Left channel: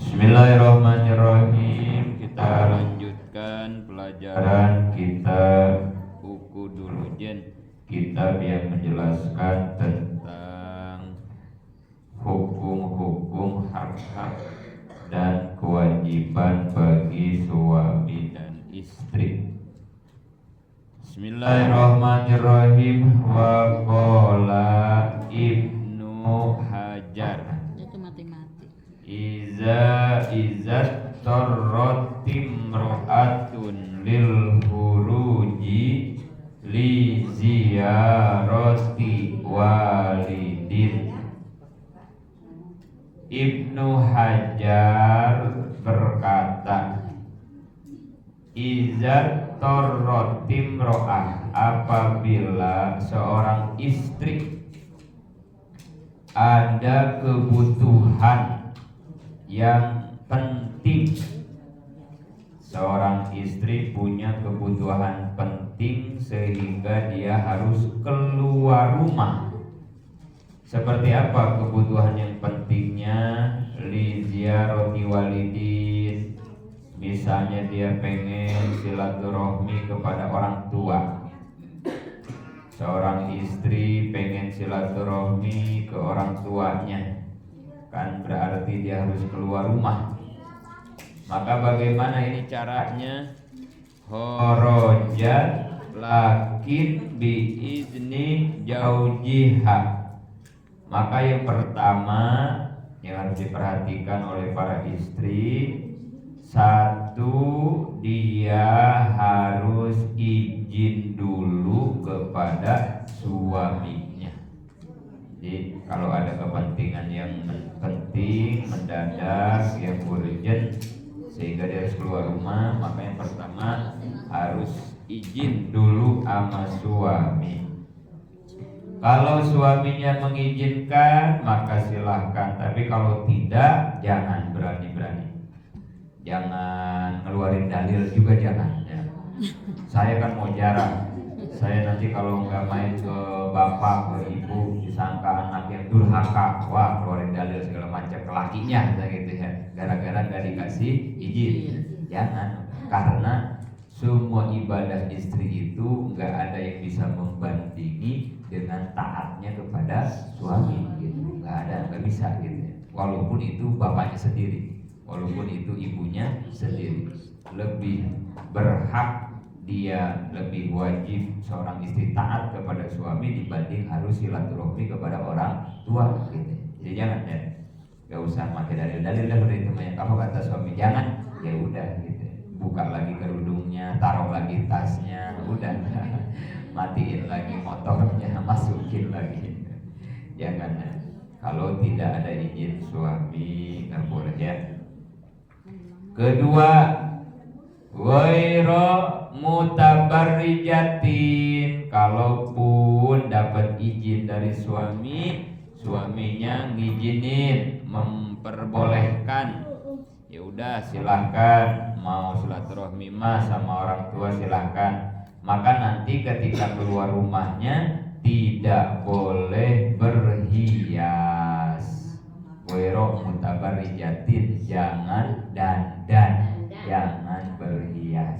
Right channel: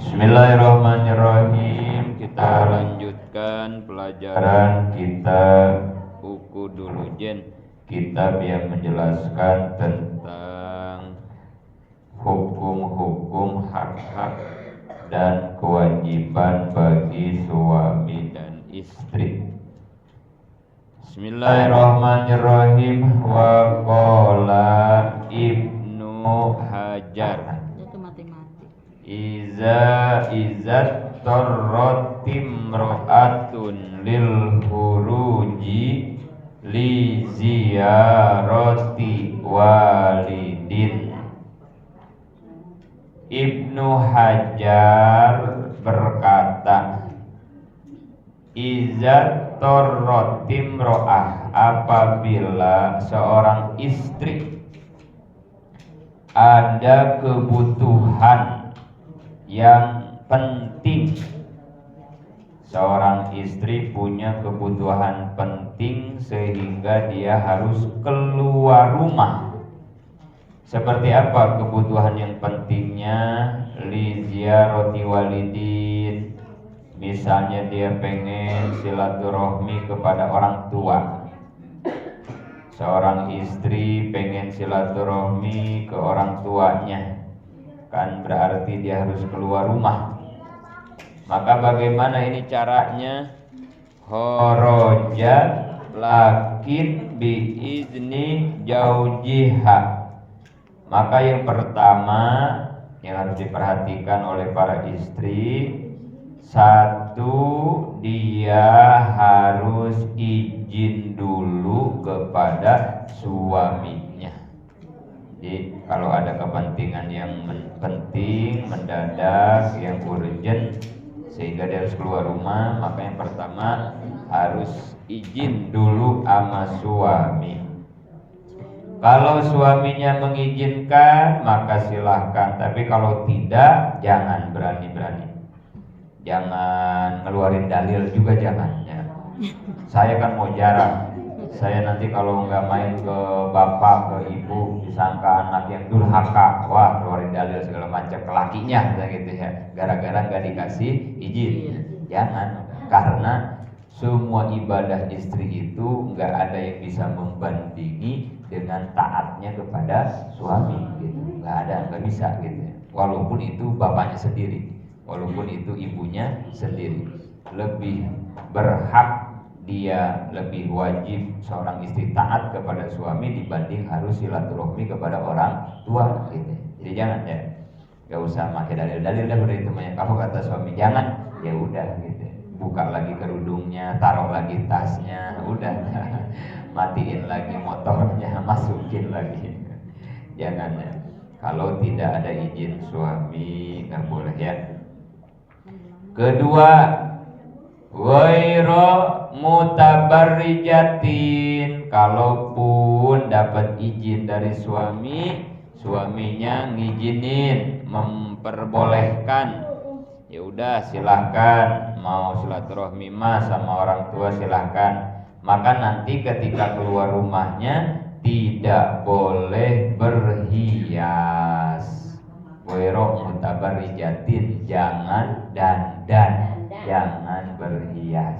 Bismillahirrahmanirrahim. Kita lanjutkan pelajaran kitab Buku Dulujen, kitab yang menjelaskan tentang hukum-hukum hak-hak dan kewajiban bagi suami dan istri. Bismillahirrahmanirrahim. Wa qala Ibnu Hajar, Iza tarrat imra'atun lil huruji li ziyarati walidin. Ibnu Hajar berkata, Iza tarrat imra'ah, apabila seorang istri ada kebutuhan yang penting. Seorang istri punya kebutuhan penting sehingga dia harus keluar rumah. Seperti apa kebutuhan yang pentingnya? Li ziyarati walidin, misalnya dia pengen silaturahmi kepada orang tua. Seorang istri pengen silaturahmi ke orang tuanya, kan berarti dia harus keluar rumah. Maka bagaimana ini caranya? Kharaja lakin biizni jaujiha. Maka yang pertama yang harus diperhatikan oleh para istri, satu, dia harus izin dulu kepada suaminya. Jadi kalau ada kepentingan yang penting, mendadak, yang urgent, sehingga dia harus keluar rumah, maka yang pertama harus izin dulu sama suami. Kalau suaminya mengizinkan, maka silahkan. Tapi kalau tidak, jangan berani-berani. Jangan ngeluarin dalil juga, jangan ya. Saya kan mau jarang. Saya nanti kalau nggak main ke bapak, ke ibu, disangka anak yang durhaka. Wah, keluarin dalil segala macam ke lakinya, gitu ya. Gara-gara nggak dikasih izin. Jangan, karena semua ibadah istri itu nggak ada yang bisa membandingi dengan taatnya kepada suami, gitu. Nggak ada, nggak bisa, gitu. Walaupun itu bapaknya sendiri, walaupun itu ibunya sendiri, lebih berhak, dia lebih wajib seorang istri taat kepada suami dibanding harus silaturahmi kepada orang tua, gitu. Jadi jangan ya, gak usah pakai dalil-dalil, udah itu banyak. Apa kata suami jangan, ya udah gitu. Buka lagi kerudungnya, taruh lagi tasnya, udah. Matiin lagi motornya, masukin lagi. Jangan ya. Kalau tidak ada izin suami nggak boleh ya. Kedua, ghairu mutabarrijatin, kalaupun dapat izin dari suami, suaminya ngizinin, memperbolehkan, ya udah silahkan, mau silaturahmi mah sama orang tua silahkan. Maka nanti ketika keluar rumahnya tidak boleh berhias. Ghairu mutabarrijatin, jangan dandan, jangan berhias.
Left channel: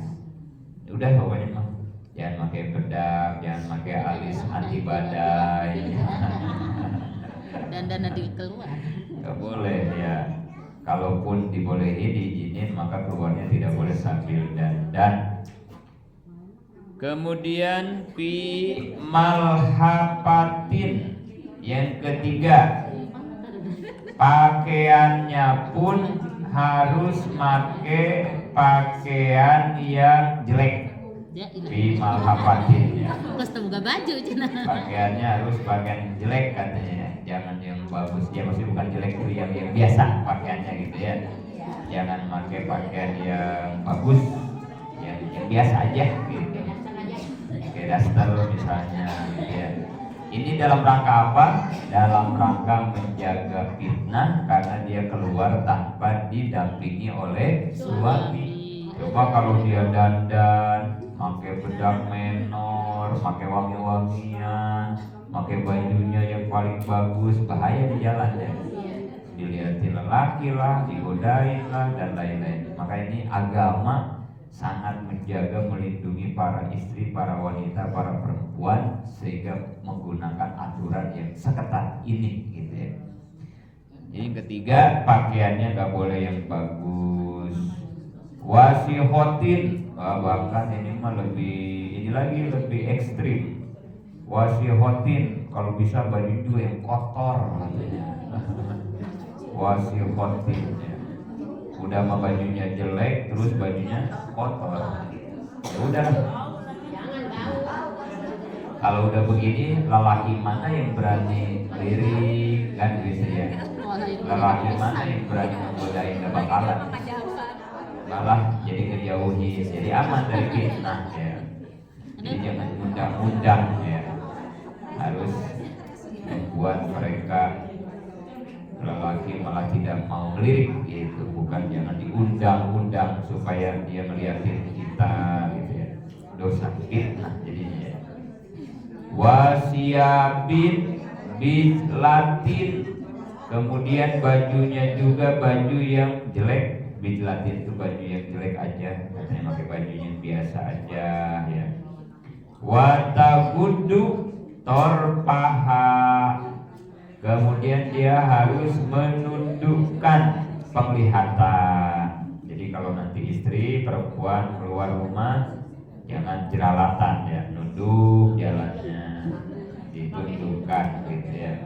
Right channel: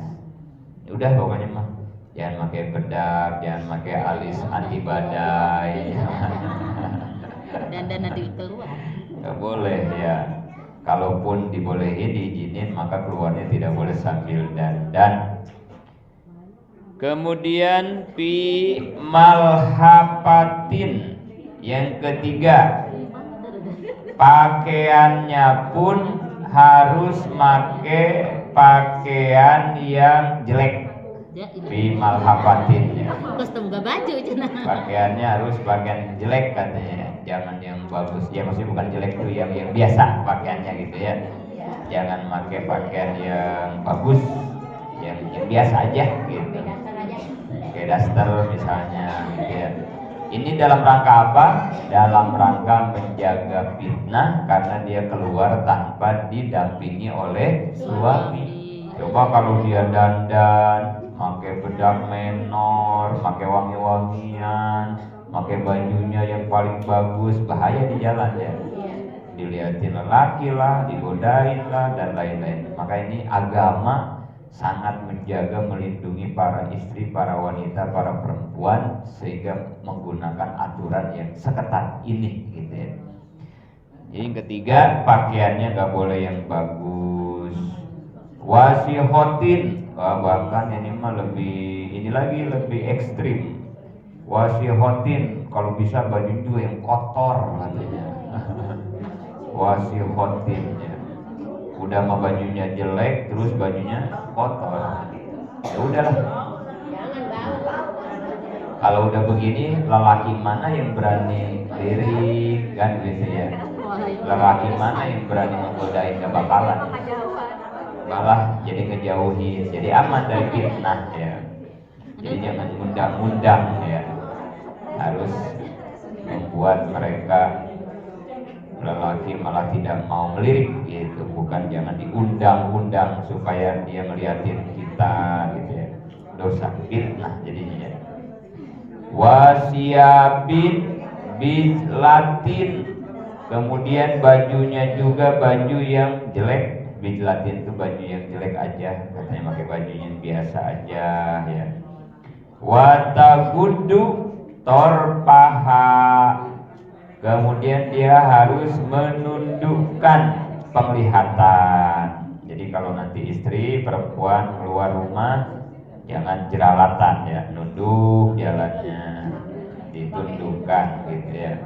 Udah pokoknya mah jangan pakai bedak, jangan pakai alis anti badai. Dan nanti keluar. Gak boleh ya. Kalaupun dibolehin, diizinin, maka keluarnya tidak boleh sambil dandan. Kemudian fi malhafatin, yang ketiga, pakaiannya pun harus pakai pakaian yang jelek. Fi malhafatin, Kostum gak baju cina. pakaiannya harus pakaian jelek katanya. Jangan yang bagus. Ya maksudnya bukan jelek tuh, yang biasa pakaiannya gitu ya. Jangan pakai pakaian yang bagus, yang biasa aja gitu. Kayak daster misalnya gitu ya. Ini dalam rangka apa? Dalam rangka menjaga fitnah, karena dia keluar tanpa didampingi oleh suami. Coba kalau dia dandan, pakai bedak menor, pakai wangi-wangian, pakai bajunya yang paling bagus, bahaya di jalan ya. dilihatin lelaki lah, digodain lah, dan lain-lain. Maka ini agama sangat menjaga, melindungi para istri, para wanita, para perempuan, sehingga menggunakan aturan yang seketat ini gitu ya. Jadi yang ketiga, pakaiannya nggak boleh yang bagus. Wasihotin, bahkan ini mah lebih ekstrim. Wasihotin, kalau bisa baju juga yang kotor katanya. Wasihotin ya. Udah mah bajunya jelek, terus bajunya kotor. Ya udahlah. Kalau udah begini, lelaki mana yang berani lirik kan gitu ya. Lelaki mana yang berani menggodain, gak bakalan. Malah jadi ngejauhi, jadi aman dari fitnah ya. Jadi jangan undang-undang ya. Harus membuat mereka lelaki malah tidak mau melirik gitu, bukan jangan diundang-undang supaya dia melihatin kita gitu ya. Dosa fitnah jadinya ya. Wasiabin bijlatin, kemudian bajunya juga baju yang jelek. Bijlatin itu baju yang jelek aja, katanya pakai baju yang biasa aja ya. Watagudu torpaha, kemudian dia harus menundukkan penglihatan. Jadi kalau nanti istri perempuan keluar rumah jangan jelalatan ya, nunduk jalannya, ditundukkan gitu ya,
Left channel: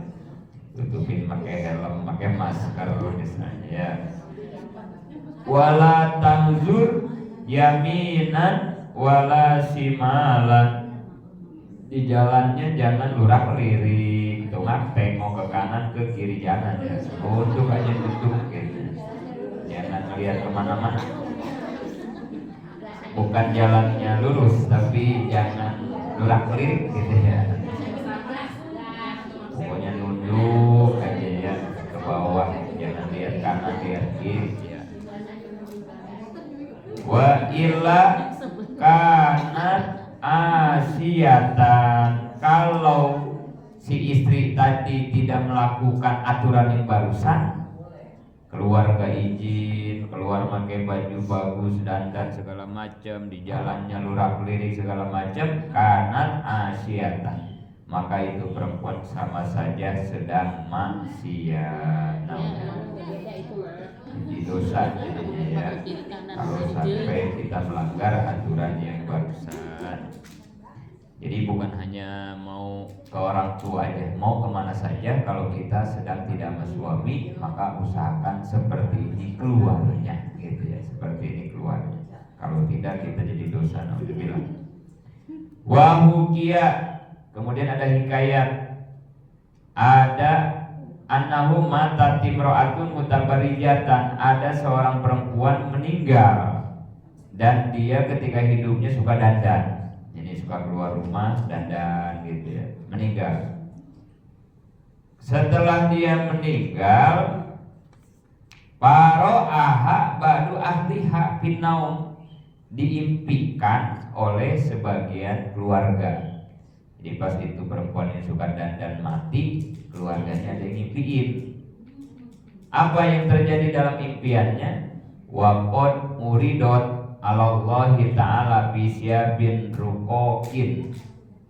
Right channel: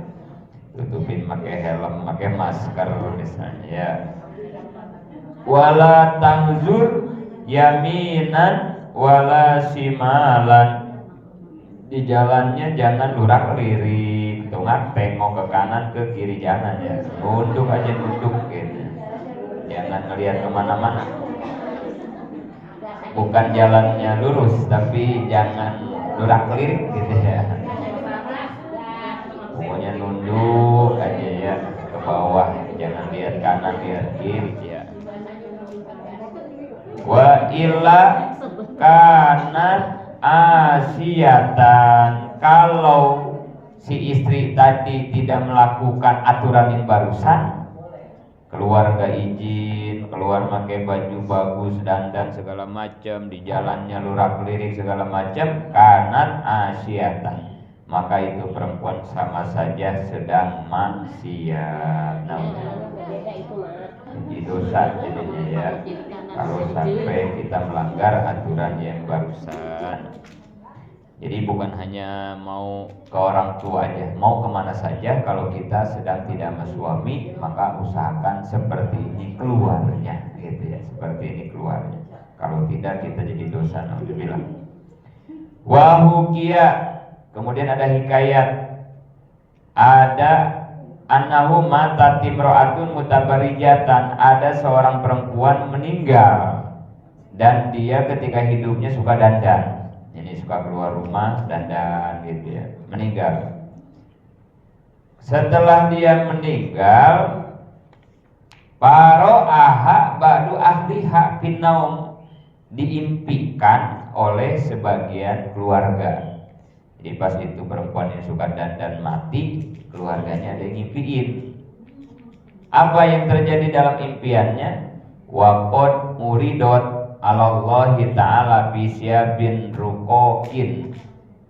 tutupin pakai helm, pakai masker misalnya ya. Wala tangzur yaminan wala simalan, di jalannya jangan lurak-lirik, tengok ke kanan ke kiri jangan ya, nunduk aja nunduk gitu, jangan ngelihat kemana-mana. Bukan jalannya lurus, tapi jangan lurak-lirik gitu ya. Pokoknya nunduk aja ya ke bawah, jangan lihat kanan lihat kiri ya. Wa illa kana asyatan, kalau si istri tadi tidak melakukan aturan yang barusan, keluarga izin, keluar pakai baju bagus, dandan segala macam, di jalannya lurak-lirik segala macam, kanat asyatan, maka itu perempuan sama saja sedang maksiat. Jadi dosa jadinya ya, kalau sampai kita melanggar aturan yang barusan. Jadi bukan hanya mau ke orang tua aja, mau kemana saja, kalau kita sedang tidak sama suami, maka usahakan seperti ini keluarnya gitu ya, seperti ini keluarnya. Kalau tidak kita jadi dosa, naudzubillah. Wahukia, kemudian ada hikayat, ada annahu mata timro'atun mutabarijatan, ada seorang perempuan meninggal dan dia ketika hidupnya suka dandan. Ini suka keluar rumah dandan gitu ya, meninggal. Setelah dia meninggal, paro'aha ba'du ahliha finnaum, diimpikan oleh sebagian keluarga. Jadi pas itu perempuan yang suka dandan mati, keluarganya ada yang ngimpiin. Apa yang terjadi dalam impiannya? Waqad muridot Allahi ta'ala bisyabin rukokin.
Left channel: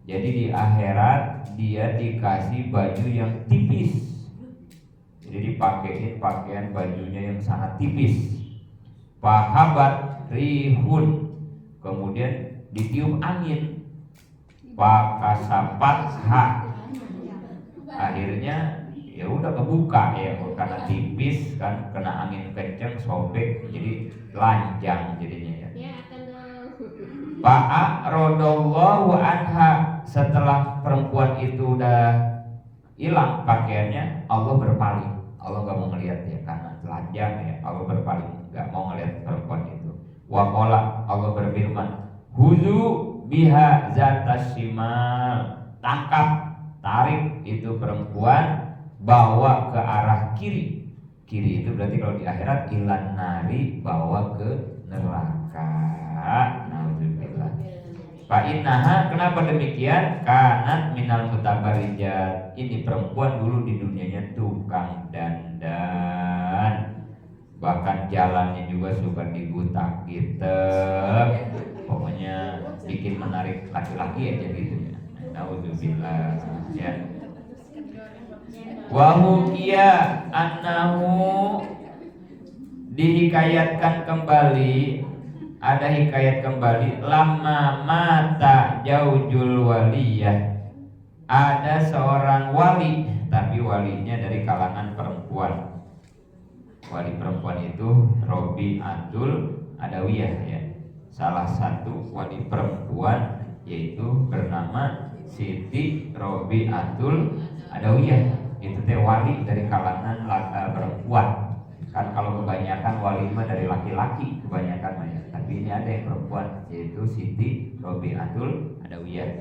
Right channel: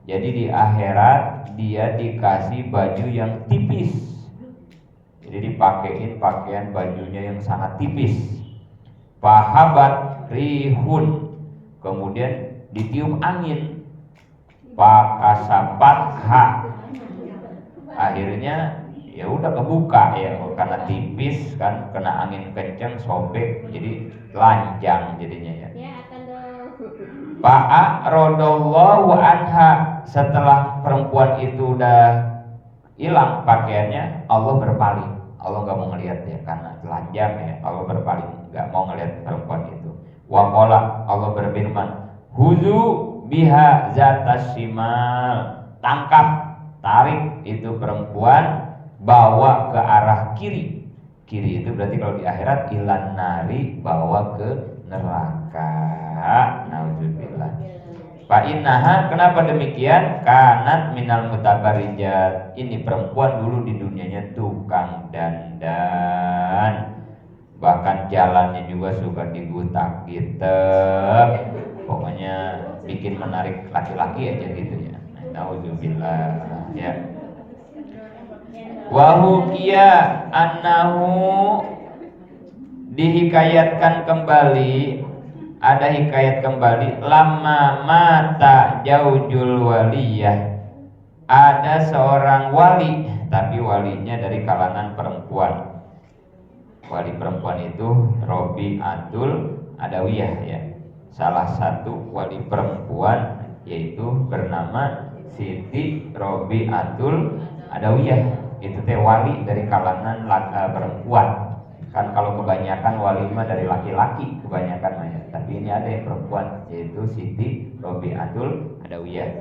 Jadi di akhirat dia dikasih baju yang tipis. Jadi dipakein pakaian bajunya yang sangat tipis. Fahabat rihun, kemudian ditiup angin. Pakasapat ha, akhirnya ya udah kebuka ya, karena tipis kan, kena angin kenceng sobek, jadi lanjang jadinya ya. Pa'a rodallahu anha, setelah perempuan itu udah hilang pakaiannya, Allah berpaling, Allah nggak mau ngelihat ya karena telanjang ya, Allah berpaling nggak mau ngelihat perempuan itu. Waqala, Allah berfirman, huzu biha zatas simal, tangkap, tarik itu perempuan, bawa ke arah kiri. Kiri itu berarti kalau di akhirat ilan nari, bawa ke neraka. Nauzubillah. Fa innaha, kenapa demikian? Kanat minal mutabarijat. Ini perempuan dulu di dunianya tukang dandan. Bahkan jalannya juga suka digutak gitu. Pokoknya bikin menarik laki-laki aja gitu ya. Nauzubillah ya. Wa hukiya annahu, dihikayatkan kembali, ada hikayat kembali, lama mata jaujul waliyah, ada seorang wali, tapi walinya dari kalangan perempuan. Wali perempuan itu Robi'atul Adawiyah ya. Salah satu wali perempuan yaitu bernama Siti Robi'atul Adawiyah. Itu teh wali dari kalangan perempuan. Kan kalau kebanyakan wali mah dari laki-laki kebanyakan ya. Tapi ini ada yang perempuan yaitu Siti Robi'atul Adawiyah.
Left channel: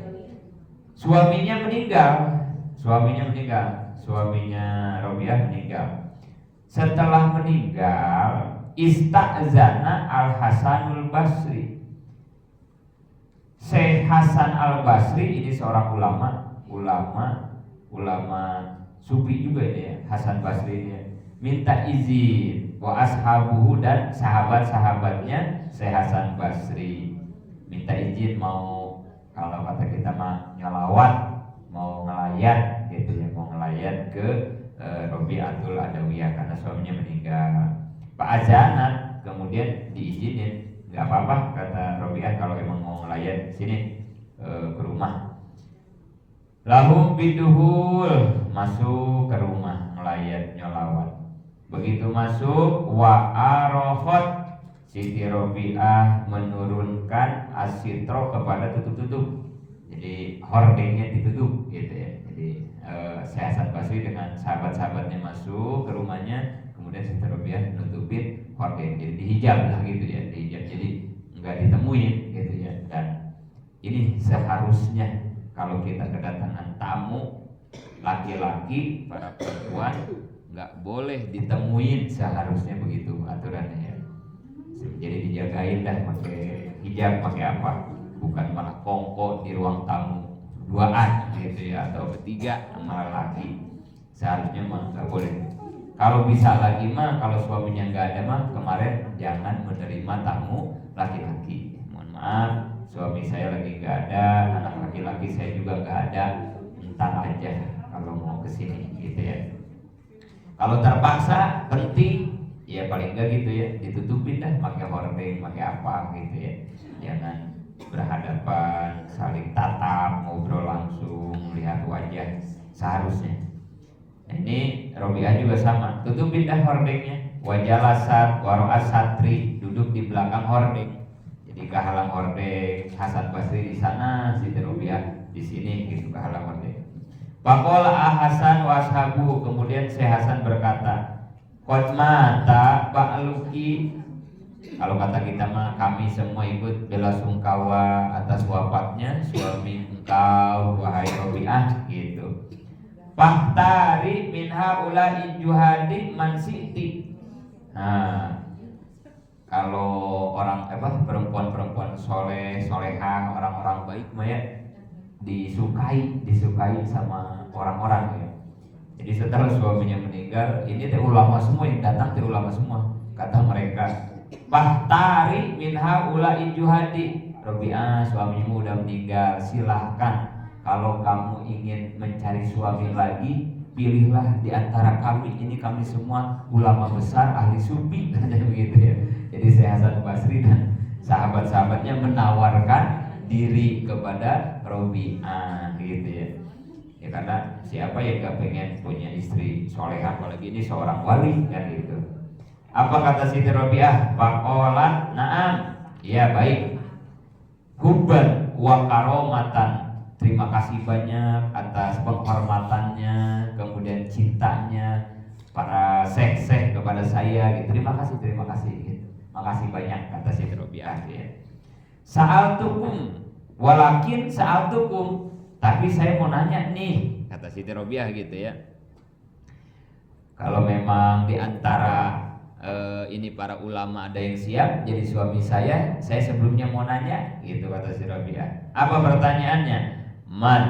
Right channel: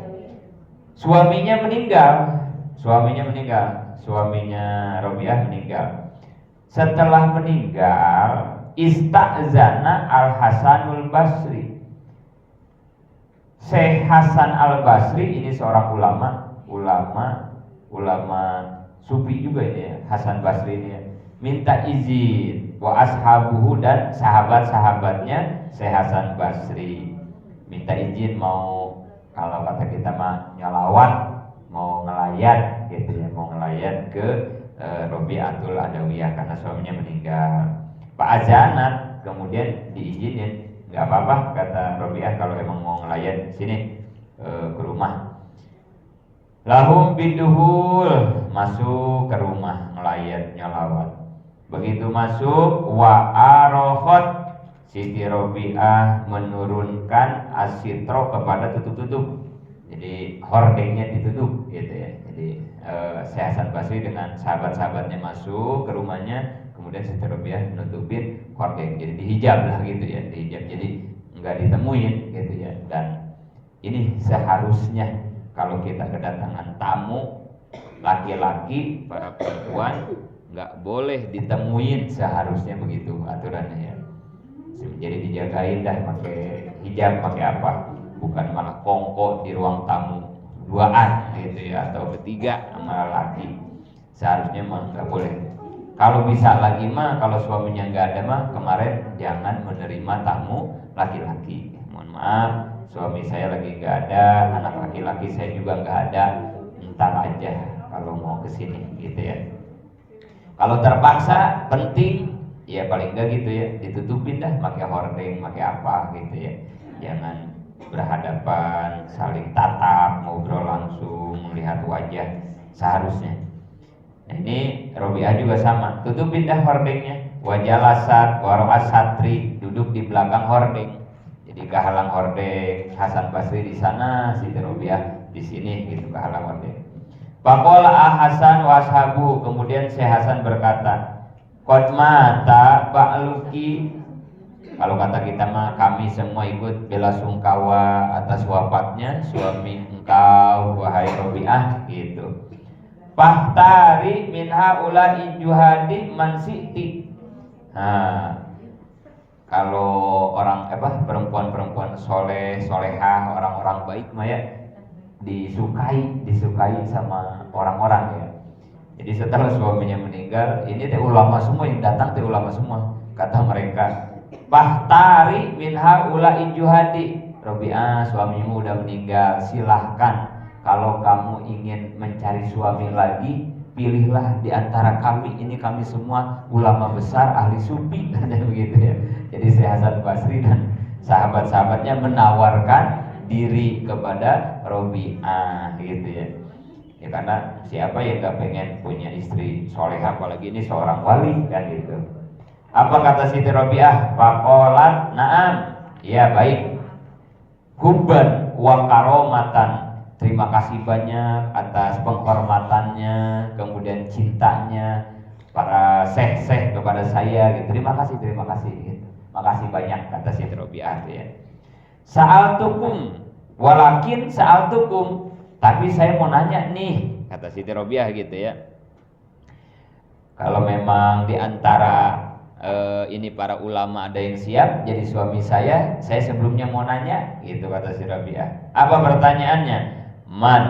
Suaminya meninggal. Suaminya Robi'ah meninggal. Setelah meninggal, ista'zana Al-Hasanul Basri. Syekh Hasan Al-Basri ini seorang ulama sufi juga ini ya, Hasan Basri ini ya. Minta izin wa ashabuhu, dan sahabat-sahabatnya Syekh Hasan Basri minta izin mau, kalau kata kita mah nyalawat, mau ngelayat gitu ya, mau ngelayat ke Robi'atul Adawiyah karena suaminya meninggal. Pak Azanat kemudian diizinin, nggak apa-apa kata Robi'ah, kalau emang mau ngelayat sini ke rumah. Lahum biduhul, masuk ke rumah ngelayat nyalawat. Begitu masuk, wa arofot, Siti Robi'ah menurunkan asitro kepada tutup-tutup. Jadi hordengnya ditutup gitu ya. Jadi Syekh Hasan Basri dengan sahabat-sahabatnya masuk ke rumahnya, kemudian Siti Robi'ah nutupin hordeng, jadi dihijab lah gitu ya, dihijab, jadi nggak ditemuin gitu ya. Dan ini seharusnya kalau kita kedatangan tamu laki-laki, para perempuan nggak boleh ditemuin, seharusnya begitu aturannya ya. Jadi dijagain dah, pakai hijab, pakai apa, bukan malah kongko di ruang tamu duaan gitu ya, atau bertiga sama laki. Seharusnya mah nggak boleh. Kalau bisa lagi mah, kalau suaminya nggak ada mah, kemarin jangan menerima tamu laki-laki. Mohon maaf, suami saya lagi nggak ada, anak laki-laki saya juga nggak ada, ntar aja kalau mau kesini gitu ya. Kalau terpaksa penting, ya paling enggak gitu ya, ditutupin dah, pakai hordeng, pakai apa gitu ya. Jangan berhadapan, saling tatap, ngobrol langsung, melihat wajah seharusnya. Nah, ini Robi'ah juga sama, tutupin dah hordengnya. Wajalasat waro'as satri, duduk di belakang hordeng. Jadi kehalang hordeng Hasan Basri di sana, Siti Robi'ah di sini gitu, kehalang hordeng. Faqala Hasan washabu, kemudian Syekh Hasan berkata, qad mata ba'luki, kalau kata kita mah kami semua ikut bela sungkawa atas wafatnya suami engkau wahai Robi'ah gitu. Fahtari min haula'i juhadi man siti. Nah, kalau orang perempuan-perempuan soleh, solehah, orang-orang baik mah ya disukai sama orang-orang ya. Jadi setelah suaminya meninggal, ini teh ulama semua yang datang, teh ulama semua. Kata mereka, fahtari min haula'i juhadi. Robi'ah, suamimu udah meninggal, silahkan kalau kamu ingin mencari suami lagi, pilihlah di antara kami ini, kami semua ulama besar ahli sufi, katanya begitu ya. Jadi Syekh Hasan Basri dan sahabat-sahabatnya menawarkan diri kepada Robi'ah gitu ya. Ya karena siapa yang gak pengen punya istri soleh, apalagi ini seorang wali kan gitu. Apa kata Siti Robi'ah? Faqalat na'am, ya baik. Hubban wa karomatan, terima kasih banyak atas penghormatannya, kemudian cintanya para syekh-syekh kepada saya gitu. Terima kasih gitu. Makasih banyak kata Siti Robi'ah ya. Sa'altukum walakin sa'altukum, tapi saya mau nanya nih, kata Siti Robi'ah gitu ya. Kalau memang di antara ini para ulama ada yang siap jadi suami saya sebelumnya mau nanya gitu kata si Rabi'ah. Apa pertanyaannya? Man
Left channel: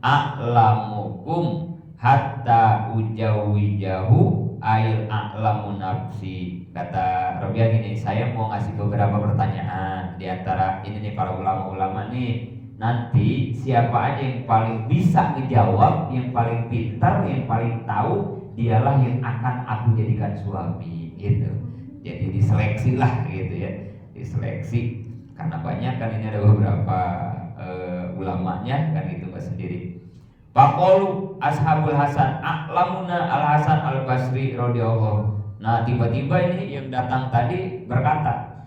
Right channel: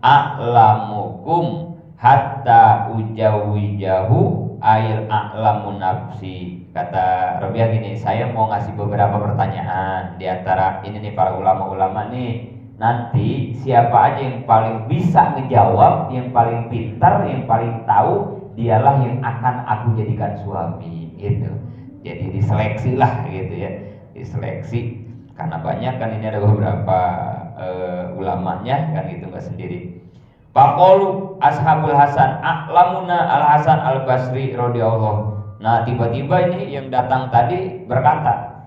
a'lamukum hatta ujawijahu ail a'lamu nafsi. Kata Rabi'ah gini, saya mau ngasih beberapa pertanyaan di antara ini nih para ulama-ulama nih. Nanti siapa aja yang paling bisa ngejawab, yang paling pintar, yang paling tahu, dialah yang akan aku jadikan suami gitu. Jadi diseleksi lah gitu ya, diseleksi karena banyak kan ini ada beberapa ulamanya kan itu nggak sendiri. Faqalu ashabul Hasan a'lamuna al Hasan al Basri radhiyallahu. Nah tiba-tiba ini yang datang tadi berkata,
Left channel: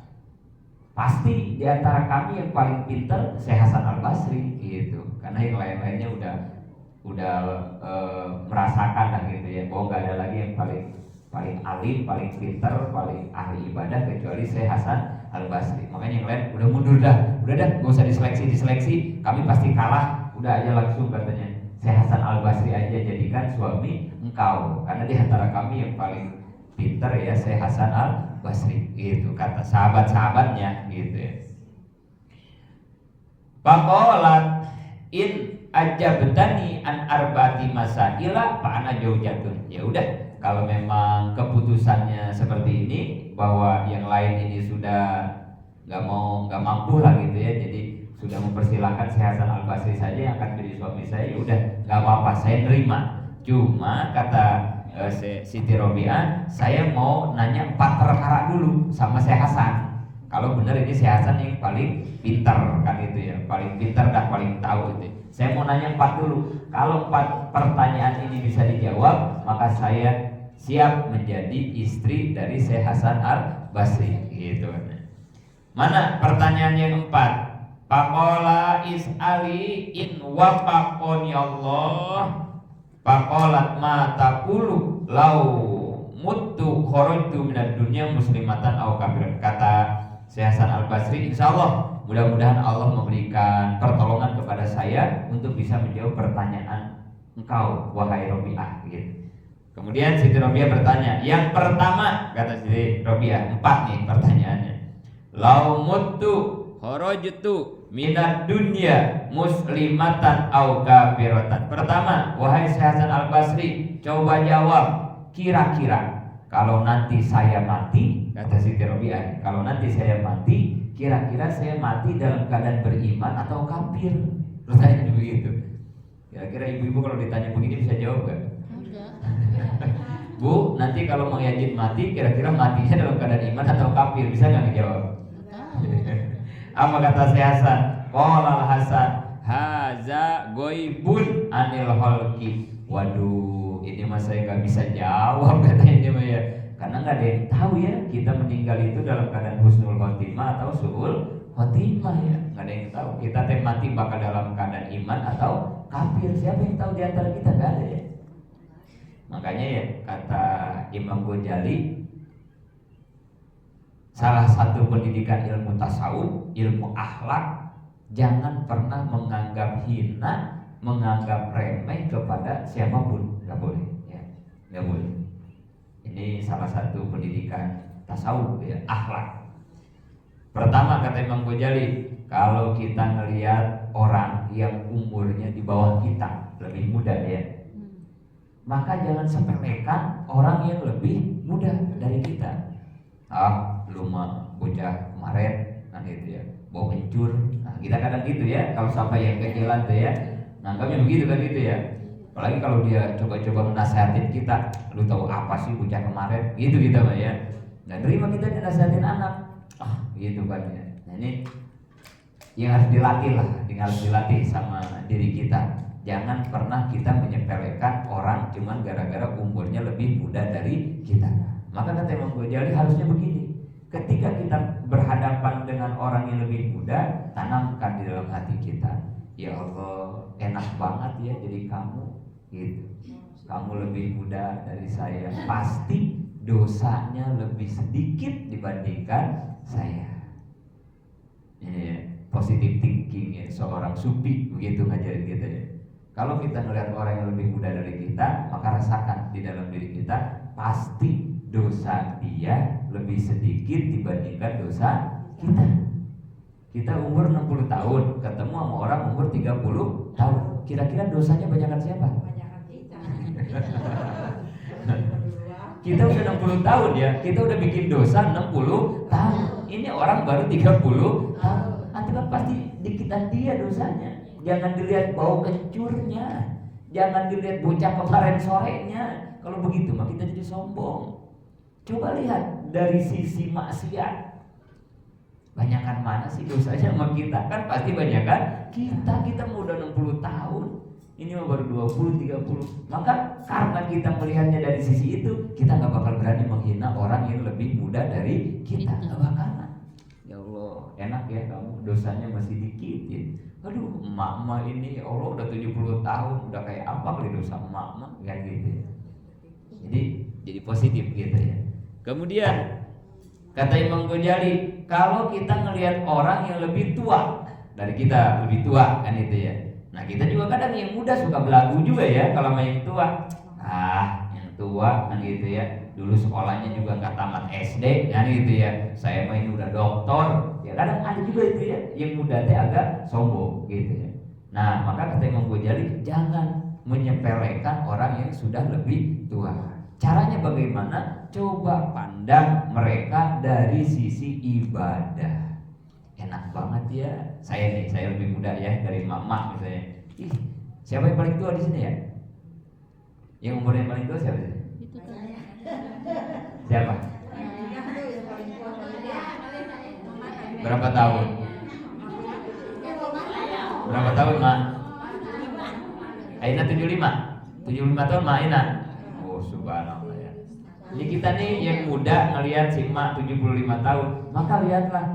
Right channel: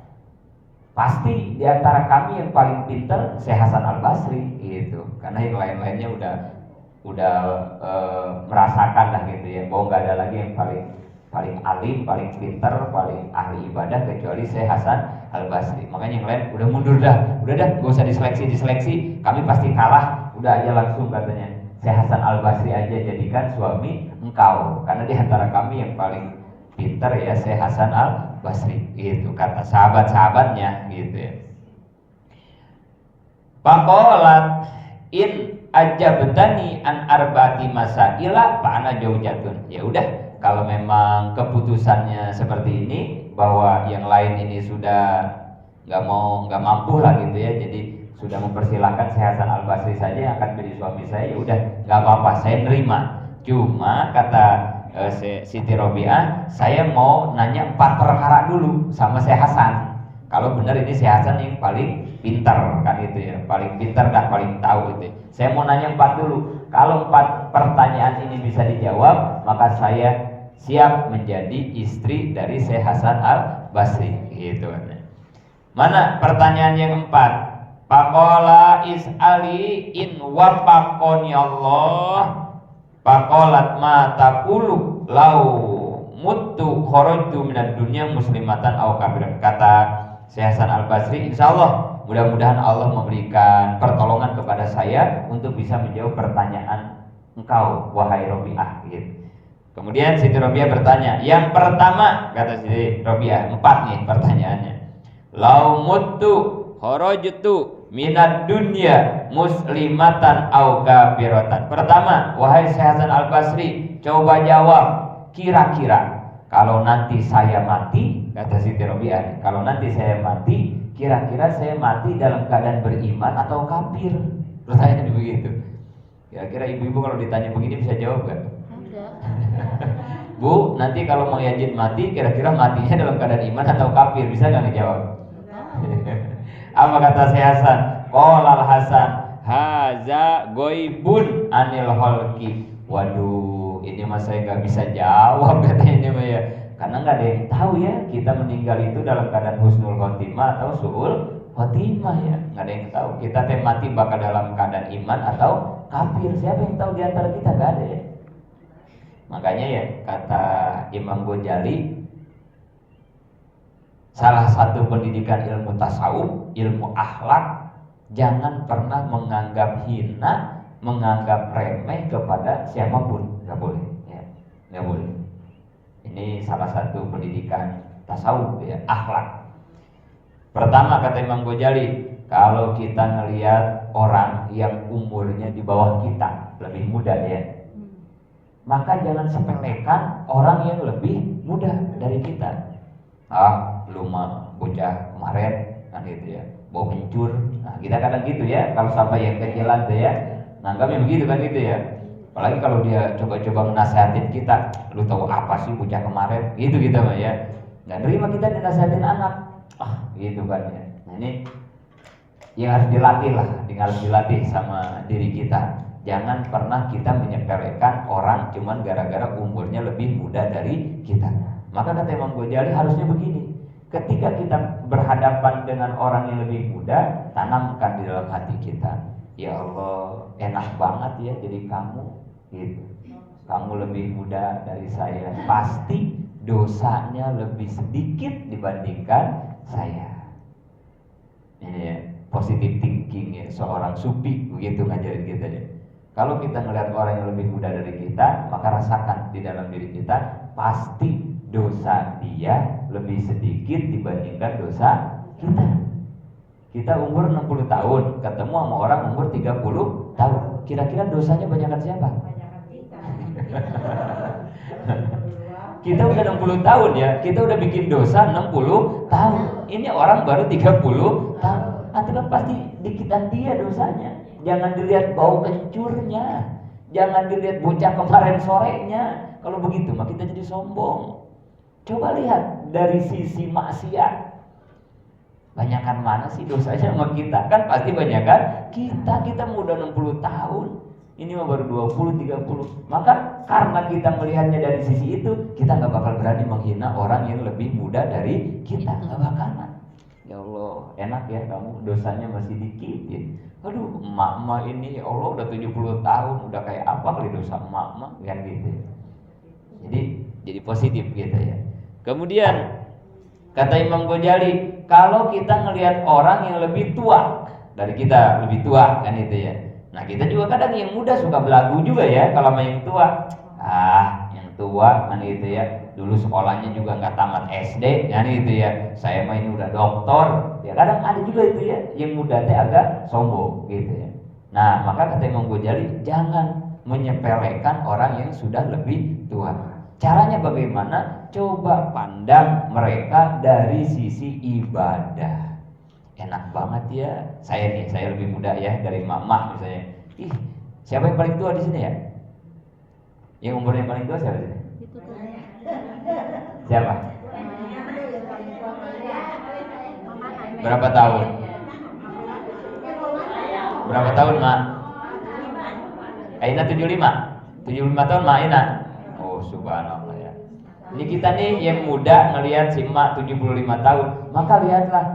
pasti di antara kami yang paling pintar Syekh Hasan Al Basri gitu, karena yang lain-lainnya udah merasakan lah gitu ya, bahwa nggak ada lagi yang paling alim, paling pintar, paling ahli ibadah kecuali Syekh Hasan Al Basri. Makanya yang lain udah mundur dah, udah gak usah diseleksi, kami pasti kalah, udah aja langsung katanya Syekh Hasan Al Basri aja jadikan suami engkau, karena di antara kami yang paling pintar ya Syekh Hasan Al Basri itu kata sahabat-sahabatnya gitu ya. Faqalat in ajabtani an arba'ati masaila fa ana jaujatun. Ya udah, kalau memang keputusannya seperti ini bahwa yang lain ini sudah nggak mampu lah gitu ya, jadi sudah mempersilahkan Syekh Hasan Al Basri saja yang akan jadi suami saya, ya udah nggak apa-apa, saya terima. Cuma kata Siti Robiah, saya mau nanya 4 perkara dulu sama Syekh Hasan. Kalau benar ini Syekh Hasan yang paling pintar kan itu ya, paling pintar dan paling tahu itu. Saya mau nanya 4 dulu. Kalau 4 pertanyaan ini bisa dijawab, maka saya siap menjadi istri dari Syekh Hasan Al Basri gitu. Mana pertanyaan yang 4? Faqala is'ali in wafaqani Allah. Faqalat ma taqulu lau muttu kharajtu minad dunya muslimatan aw kafiran. Kata Syekh Hasan Al Basri, insyaallah mudah-mudahan Allah memberikan pertolongan kepada saya untuk bisa menjawab pertanyaan engkau wahai Robiah gitu. Kemudian Siti Robiah bertanya, yang pertama kata Siti Robiah, 4 nih pertanyaannya. Lau muttu kharajtu minad dunya muslimatan au kafiratan. Pertama, wahai Syekh Hasan Al Basri, coba jawab, kira-kira kalau nanti saya mati, kata Siti Robiah, kalau nanti saya mati, kira-kira saya mati dalam keadaan beriman atau kafir? Pertanyaan begitu. Kira-kira ibu-ibu kalau ditanya begini bisa jawab gak? Enggak. Bu, nanti kalau mau Yazid mati, kira-kira matinya dalam keadaan iman atau kafir? Bisa gak ngejawab? Apa kata Syekh Hasan? Qolal Hasan, haza goibun anil holki. Waduh, ini mah saya nggak bisa jawab katanya ini mah ya, karena nggak ada yang tahu ya kita meninggal itu dalam keadaan husnul khotimah atau suul khotimah ya, nggak ada yang tahu kita teh mati bakal dalam keadaan iman atau kafir. Siapa yang tahu di antara kita? Nggak ada ya. Makanya ya kata Imam Ghazali, salah satu pendidikan ilmu tasawuf, ilmu akhlak, jangan pernah menganggap hina, menganggap remeh kepada siapapun, nggak boleh, ya, nggak boleh. Ini salah satu pendidikan tasawuf, ya, akhlak. Pertama kata Imam Ghazali, kalau kita ngelihat orang yang umurnya di bawah kita, lebih muda ya, maka jangan sepelekan orang yang lebih muda dari kita. Lu mah bocah kemarin kan gitu ya, bau kencur. Nah kita kadang gitu ya, kalau sampai yang kecilan tuh ya, nah kami begitu kan gitu ya. Apalagi kalau dia coba-coba nasihatin kita, lu tahu apa sih bocah kemarin, gitu kita mah ya. Nggak terima kita dinasihatin anak, gitu kan ya. Nah ini yang harus dilatih lah, harus dilatih sama diri kita. Jangan pernah kita menyepelekan orang cuman gara-gara umurnya lebih muda dari kita. Maka kata Imam Ghazali harusnya begini, ketika kita berhadapan dengan orang yang lebih muda, tanamkan di dalam hati kita, ya Allah enak banget ya jadi kamu gitu. Kamu lebih muda dari saya, pasti dosanya lebih sedikit dibandingkan saya. Ini ya, positive thinking ya, seorang sufi begitu ngajarin kita ya. Kalau kita melihat orang yang lebih muda dari kita, maka rasakan di dalam diri kita, pasti dosa dia lebih sedikit dibandingkan dosa kita. Kita umur 60 tahun, ketemu sama orang umur 30 tahun. Kira-kira dosanya banyakan siapa? Kita udah 60 tahun ya, kita udah bikin dosa 60 tahun. Ini orang baru 30 tahun. Itu kan pasti dikitan dia dosanya. Jangan dilihat bau kencurnya, jangan dilihat bocah kemarin sorenya. Kalau begitu mah kita jadi sombong. Coba lihat dari sisi maksiat, banyakan mana sih dosanya sama kita? Kan pasti banyakan kita udah 60 tahun. Ini mah baru 20, 30. Maka karena kita melihatnya dari sisi itu, kita gak bakal berani menghina orang yang lebih muda dari kita. Gak bakalan. Ya Allah, enak ya kamu dosanya masih dikit ya. Aduh, emak-emak ini ya Allah udah 70 tahun, udah kayak apa kali dosa emak-emak kan gitu. Jadi positif gitu ya. Kemudian kata Imam Ghazali, kalau kita ngelihat orang yang lebih tua dari kita, lebih tua kan itu ya. Nah kita juga kadang yang muda suka belagu juga ya kalau sama yang tua. Yang tua kan gitu ya. Dulu sekolahnya juga nggak tamat SD kan gitu ya. Saya mah ini udah doktor. Ya kadang ada juga itu ya yang muda teh agak sombong gitu ya. Nah maka kata Imam Ghazali, jangan menyepelekan orang yang sudah lebih tua. Caranya bagaimana? Coba pandang mereka dari sisi ibadah. Enak banget ya. Saya lebih muda ya dari mama misalnya. Siapa yang paling tua di sini ya? Yang umurnya paling tua siapa sih? Siapa? Berapa tahun? Berapa tahun, Mak? Aina 75. 75 tahun, Mak Aina. Oh, subhanallah ya. Ini kita nih yang muda ngelihat si Mak 75 tahun. Maka lihatlah,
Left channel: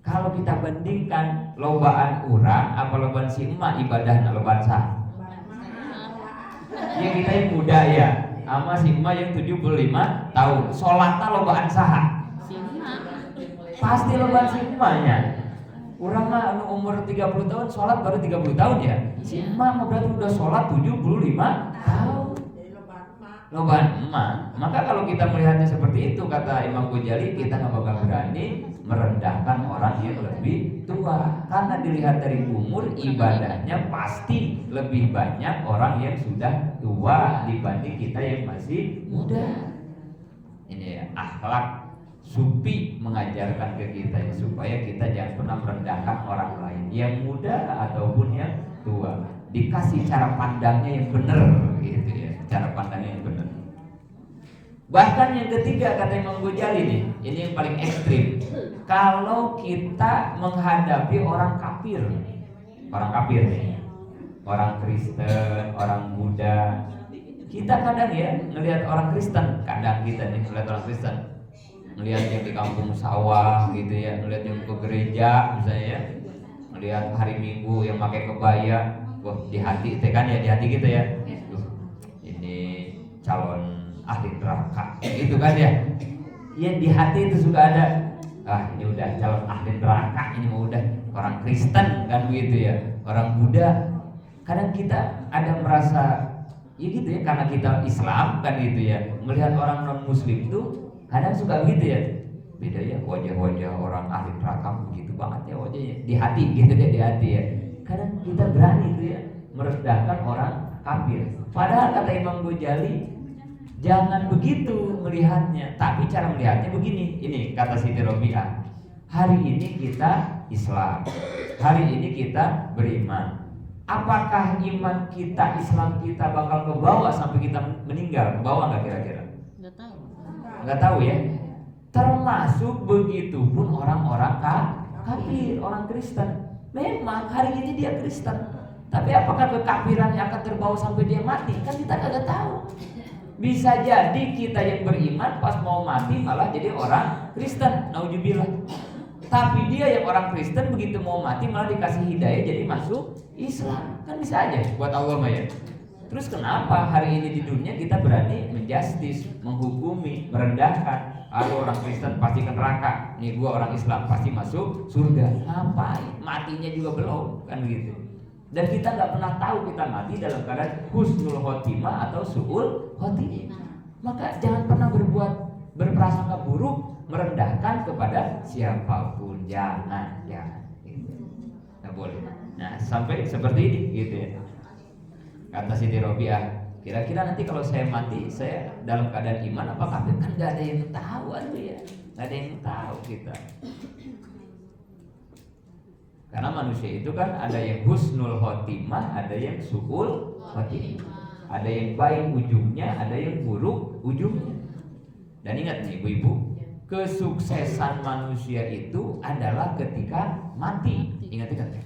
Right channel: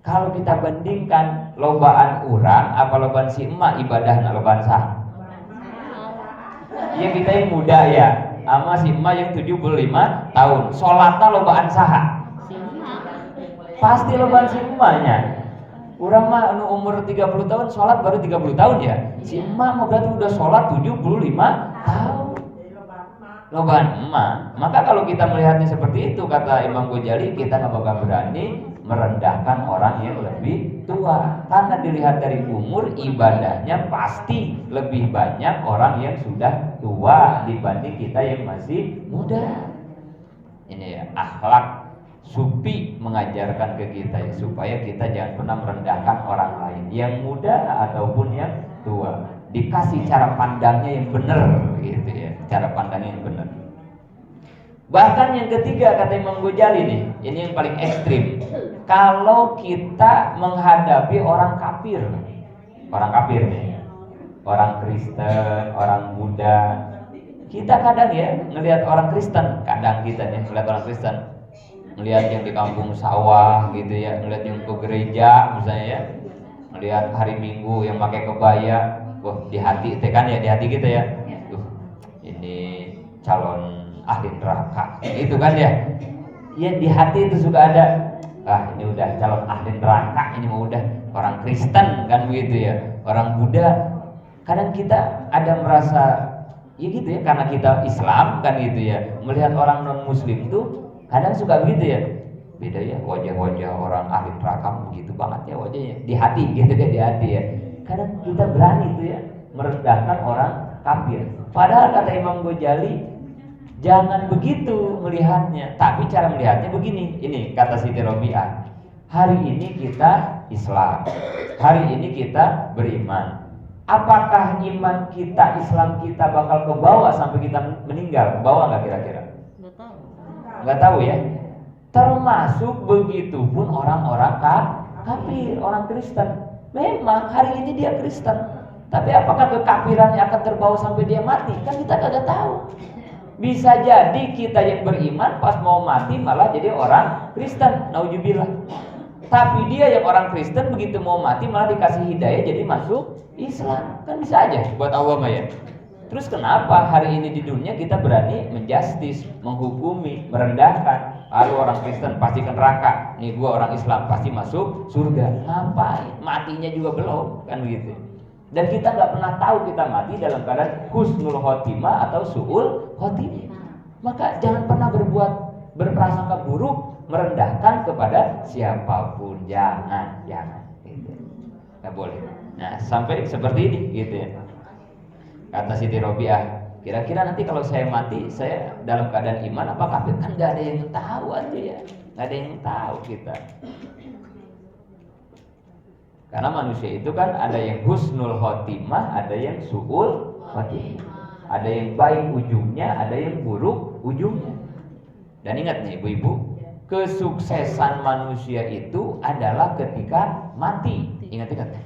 kalau kita bandingkan lobaan urang apa lobaan si emak ibadah lobaan sah. Ya kita yang muda ya, sama si emak yang 75 tahun. Sholatnya lobaan sah. Pasti lobaan si emaknya. Urang mah umur 30 tahun sholat baru 30 tahun ya. Si emak mah berarti udah sholat 75 tahun. Lobaan emak. Maka kalau kita melihatnya seperti itu, kata Imam Ghazali, kita nggak bakal berani merendahkan orang yang lebih tua, karena dilihat dari umur ibadahnya pasti lebih banyak orang yang sudah tua dibanding kita yang masih muda. Ini ya akhlak Sufi mengajarkan ke kita ya, supaya kita jangan pernah merendahkan orang lain yang muda ataupun yang tua. Dikasih cara pandangnya yang benar gitu ya, cara pandangnya yang benar. Bahkan yang ketiga kata Imam Ghazali nih, ini yang paling ekstrim. Kalau kita menghadapi orang kafir nih, orang Kristen, orang Buddha, kita kadang ya ngelihat orang Kristen, kadang kita nih ngelihat orang Kristen, ngelihat yang di kampung sawah gitu ya, ngelihat yang ke gereja misalnya ya, ngelihat hari Minggu yang pakai kebaya, wah di hati itu kan ya, di hati kita ya, ini calon ahli neraka itu kan ya. Ya di hati itu sudah ada, ini udah calon ahli neraka, ini mau udah orang Kristen kan begitu ya, orang Buddha. Kadang kita ada merasa ya gitu ya, karena kita Islam kan gitu ya, melihat orang non muslim tuh kadang suka begitu ya, beda ya wajah-wajah orang ahli neraka begitu banget ya wajahnya, di hati gitu ya, di hati ya. Kadang kita berani tuh ya merendahkan orang kafir. Padahal kata Imam Ghazali, jangan begitu melihatnya, tapi cara melihatnya begini. Ini kata Siti Robiah, hari ini kita Islam, hari ini kita beriman. Apakah iman kita, Islam kita bakal ke bawah sampai kita meninggal? Ke bawah nggak kira-kira? Nggak tahu ya. Termasuk begitu pun orang-orang kafir, orang Kristen. Memang hari ini dia Kristen, tapi apakah kekafirannya akan terbawa sampai dia mati? Kan kita kagak tahu. Bisa jadi kita yang beriman pas mau mati malah jadi orang Kristen, nauzubillah. Tapi dia yang orang Kristen begitu mau mati malah dikasih hidayah jadi masuk Islam. Kan bisa aja buat Allah mah ya. Terus kenapa hari ini di dunia kita berani menjustis, menghukumi, merendahkan? Orang Kristen pasti ke neraka, nih gua orang Islam pasti masuk surga. Ngapain? Matinya juga belum, kan gitu. Dan kita nggak pernah tahu kita mati dalam keadaan husnul khotimah atau su'ul khotimah. Maka jangan pernah berprasangka buruk merendahkan kepada siapapun, jangan gitu. Nggak boleh. Nah, sampai seperti ini gitu ya. Kata Siti Robiah, kira-kira nanti kalau saya mati, saya dalam keadaan iman apa kafir? Kan nggak ada yang tahu ya, nggak ada yang tahu kita. Karena manusia itu kan ada yang husnul khotimah, ada yang su'ul khotimah. Ada yang baik ujungnya, ada yang buruk ujungnya. Dan ingat nih ibu-ibu, kesuksesan manusia itu adalah ketika mati. Ingat-ingat ya.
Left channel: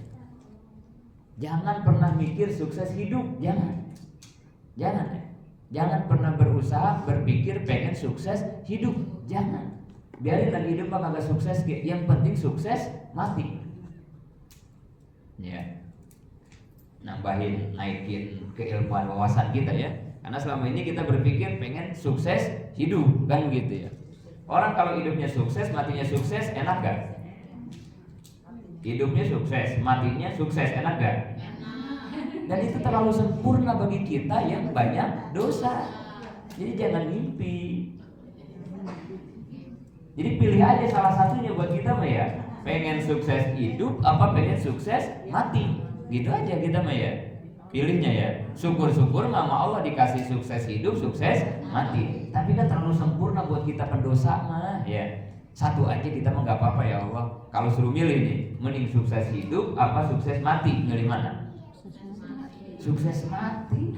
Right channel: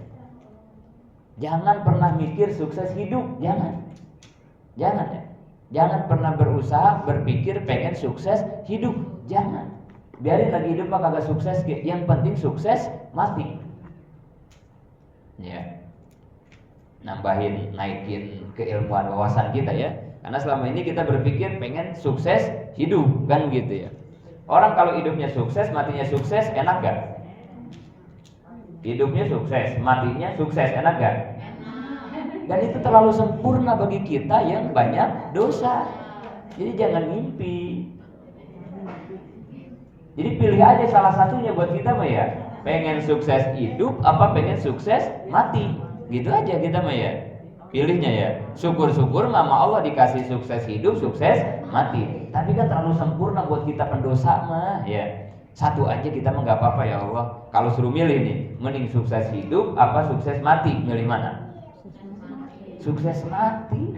Jangan pernah mikir sukses hidup, jangan ya. Jangan pernah berusaha berpikir pengen sukses hidup, jangan. Biarin lagi hidup mah kagak sukses, yang penting sukses mati. Ya, naikin keilmuan wawasan kita ya. Karena selama ini kita berpikir pengen sukses hidup, kan gitu ya. Orang kalau hidupnya sukses, matinya sukses, enak gak? Hidupnya sukses, matinya sukses, enak gak? Dan itu terlalu sempurna bagi kita yang banyak dosa. Jadi jangan mimpi. Jadi pilih aja salah satunya buat kita mah ya. Pengen sukses hidup apa pengen sukses mati, gitu aja kita mah ya. Pilihnya ya. Syukur-syukur mama Allah dikasih sukses hidup, sukses mati. Tapi kan terlalu sempurna buat kita pendosa mah ya. Satu aja kita mah nggak apa-apa ya Allah. Kalau suruh milih nih, mending sukses hidup apa sukses mati, milih mana? Sukses mati.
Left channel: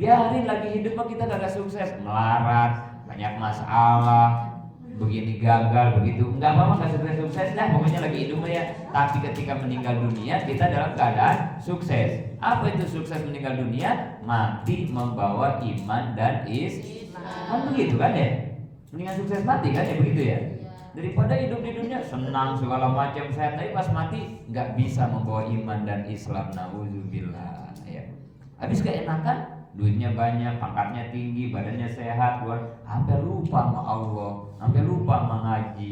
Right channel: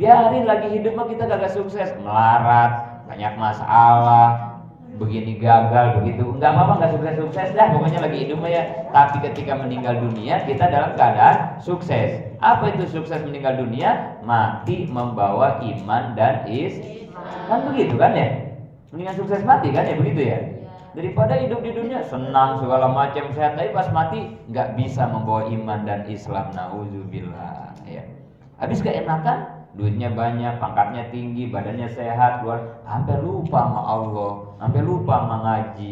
Biarin lagi hidup mah kita gak sukses, melarat, banyak masalah, begini gagal, begitu. Enggak apa-apa, enggak sukses-sukses dah, pokoknya lagi hidup ya. Tapi ketika meninggal dunia, kita dalam keadaan sukses. Apa itu sukses meninggal dunia? Mati membawa iman dan kan begitu kan ya? Mendingan sukses mati kan ya, begitu ya? Daripada hidup di dunia senang segala macam sehat, tapi pas mati nggak bisa membawa iman dan Islam, nauzubillah ya. Habis keenakan, duitnya banyak, pangkatnya tinggi, badannya sehat, sampai lupa sama Allah, sampai lupa sama ngaji,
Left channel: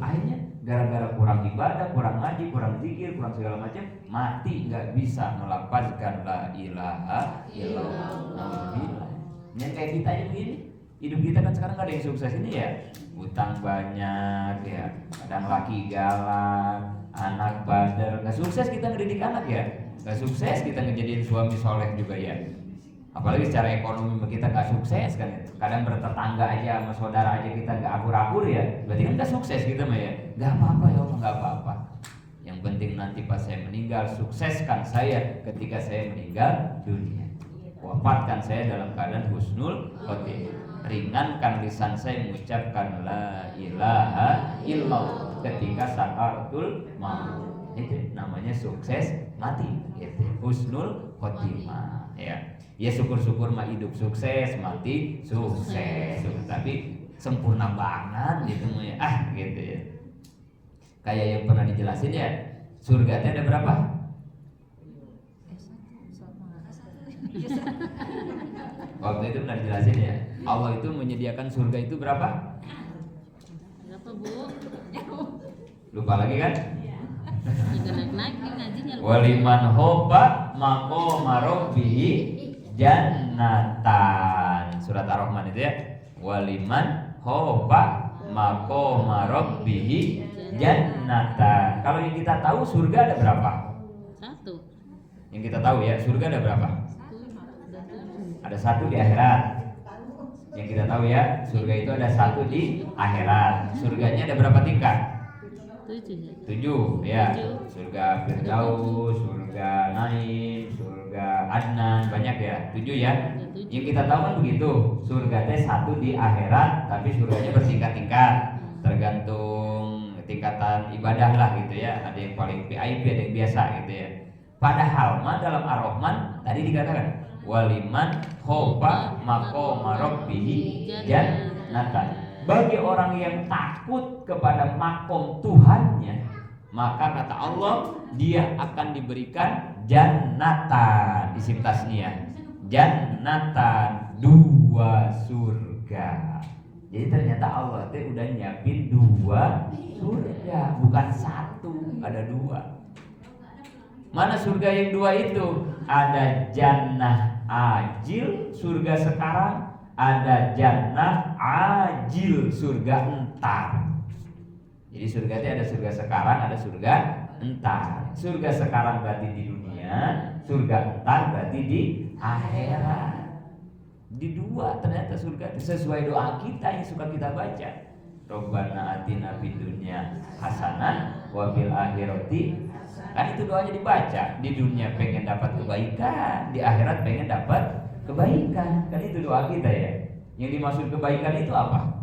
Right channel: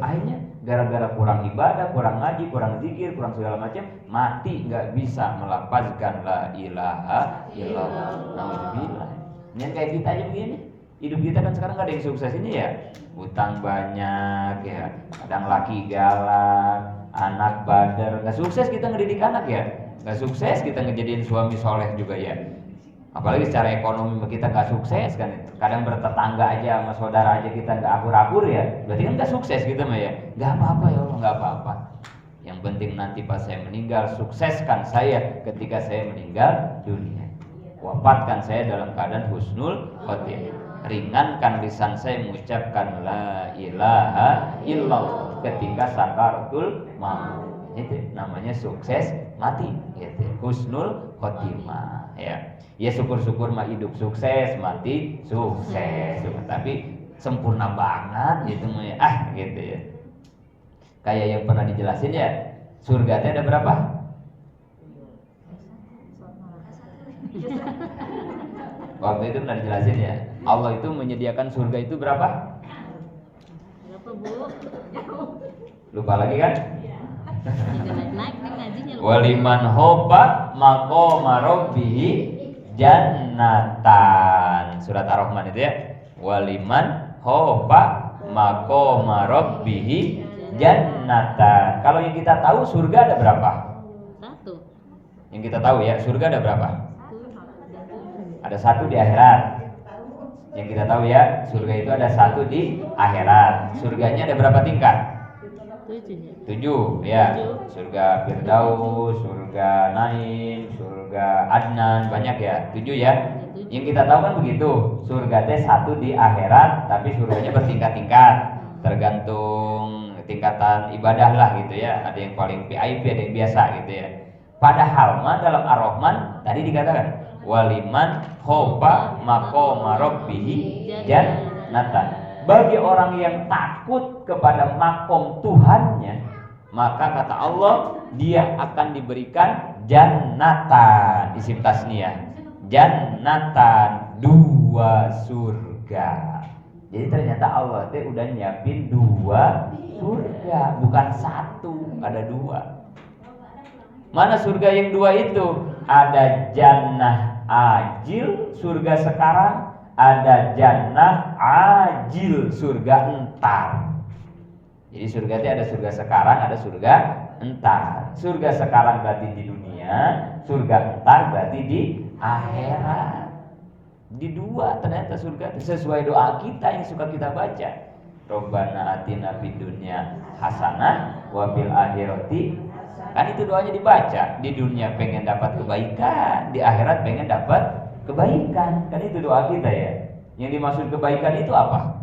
akhirnya gara-gara kurang ibadah, kurang ngaji, kurang zikir, kurang segala macam, mati nggak bisa melafazkan la ilaha illallah. Nauzubillah. Yang kayak kita aja begini. Hidup kita kan sekarang gak ada yang sukses ini ya. Utang banyak ya, kadang laki galak, anak bader. Gak sukses kita ngedidik anak ya. Gak sukses kita ngejadiin suami soleh juga ya. Apalagi secara ekonomi kita gak sukses kan. Kadang bertetangga aja sama saudara aja kita gak akur-akur ya. Berarti kan gak sukses kita mah ya. Gak apa-apa ya Allah, gak apa-apa. Yang penting nanti pas saya meninggal, sukseskan saya ketika saya meninggal dunia. Wafatkan saya dalam keadaan husnul khotimah. Ringankan lisan saya mengucapkan la ilaha illallah ketika sakaratul maut. Itu namanya sukses mati, gitu. Husnul khotimah ya. Ya syukur-syukur mah hidup sukses, mati sukses. Tapi sempurna banget gitu mah ya. Gitu ya. Kayak yang pernah dijelasin ya. Surganya ada berapa? Waktu itu pernah dijelasin ya. Allah itu menyediakan surga itu berapa? Berapa Bu? Lupa lagi kan? Naik nih ngajinya. Waliman hoba maqama rabbihi jannatan. Surat Ar-Rahman itu ya. Waliman hoba maqama rabbihi jannatan. Kalau yang kita tahu surga ada berapa? Satu. Yang kita tahu ya, surga ada berapa? Ada satu di akhirat. Yang kita tahu ya, surga itu ada satu di akhirat. Surganya ada berapa tingkat? 7 ya. Surga Firdaus, surga Naim, surga Adnan, banyak ya. 7 ya. Yang kita tahu kan begitu. Surga itu satu di akhirat, tapi surganya bertingkat-tingkat. Tergantung tingkatan ibadah lah gitu ya. Ada yang paling VIP, ada yang biasa gitu ya. Padahal mah dalam Ar-Rahman tadi dikatakan waliman hoba maqama rabbihi jannatan. Bagi orang yang takut kepada makom Tuhannya, maka kata Allah dia akan diberikan jannatan, isim tasniyah. Jannatan, 2 surga. Jadi ternyata Allah itu udah nyiapin 2 surga, bukan 1, ada 2. Mana surga yang 2 itu? Ada jannah ajil, surga sekarang. ada jannah ajil, surga entar. Jadi surga itu ada surga sekarang, ada surga entar. Surga sekarang berarti di dunia, surga entar berarti di akhirat. Di dua ternyata surga itu sesuai doa kita yang suka kita baca. Rabbana atina fid dunya hasanah wa fil akhirati. Kan itu doanya dibaca. Di dunia pengen dapat kebaikan, di akhirat pengen dapat kebaikan. Kan itu doa kita ya. Yang dimaksud kebaikan itu apa?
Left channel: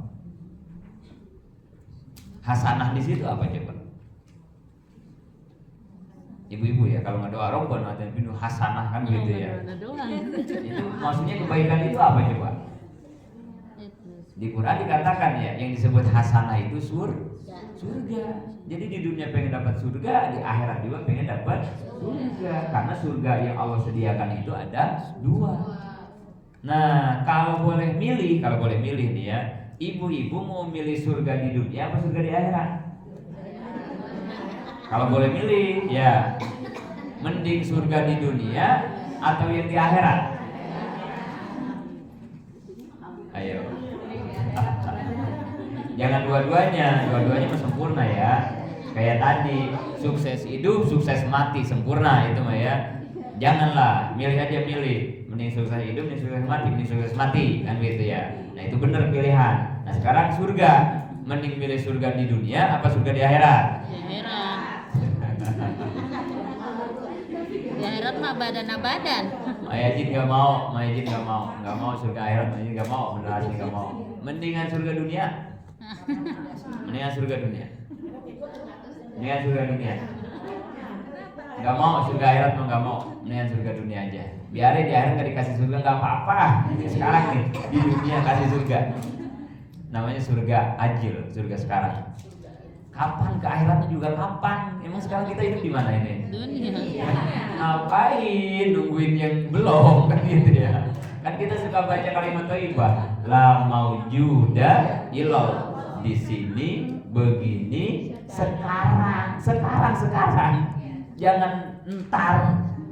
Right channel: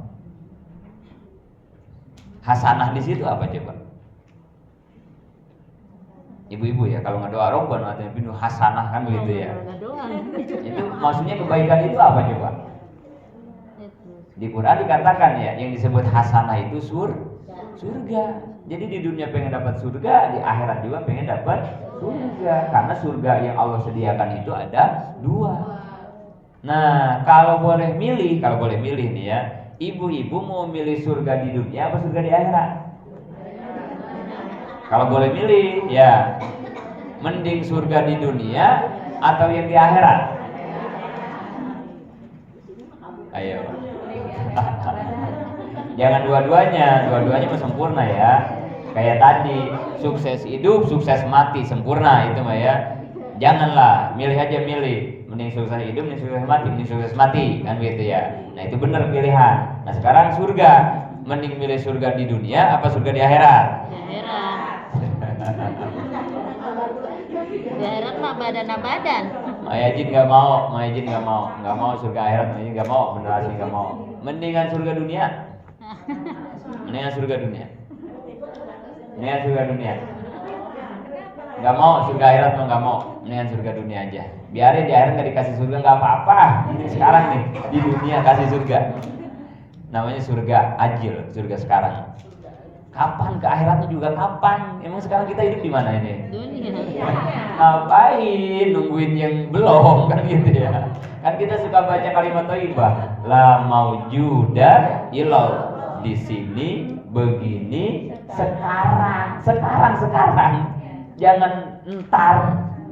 Hasanah di situ apa coba? Ibu-ibu ya, kalau ngedoa Rabbana atina fid dunya hasanah kan begitu ya. Itu maksudnya kebaikan itu apa coba? Di Quran dikatakan ya, yang disebut hasanah itu surga. Jadi di dunia pengen dapat surga, di akhirat juga pengen dapat surga. Karena surga yang Allah sediakan itu ada dua. Nah, kalau boleh milih nih ya, ibu-ibu mau milih surga di dunia apa surga di akhirat? Kalau boleh milih, ya mending surga di dunia atau yang di akhirat? Ayo. Jangan dua-duanya mah sempurna ya. Kayak tadi, sukses hidup, sukses mati, sempurna itu mah ya. Janganlah, milih aja milih. Mending sukses hidup, mending sukses mati, mending sukses mati, kan gitu ya. Nah itu benar pilihan. Nah sekarang surga, mending milih surga di dunia apa surga di akhirat? Di akhirat. Di akhirat mah badan. Mayajin nggak mau surga akhirat, Mayajin nggak mau, benar sih nggak mau. Mendingan surga dunia. Mendingan surga dunia. Nggak mau surga akhirat mah nggak mau. Mendingan surga dunia aja. Biarin di akhirat nggak dikasih surga nggak apa-apa. Sekarang nih di dunia kasih surga. Namanya surga ajil, surga sekarang. Kapan ke akhiratnya juga kapan? Emang sekarang kita hidup di mana ini? Dunia. Ngapain nungguin yang belum kan gitu ya? Kan kita suka baca kalimat thayyibah, la maujuda ilal, di sini begini sekarang. Jangan entar,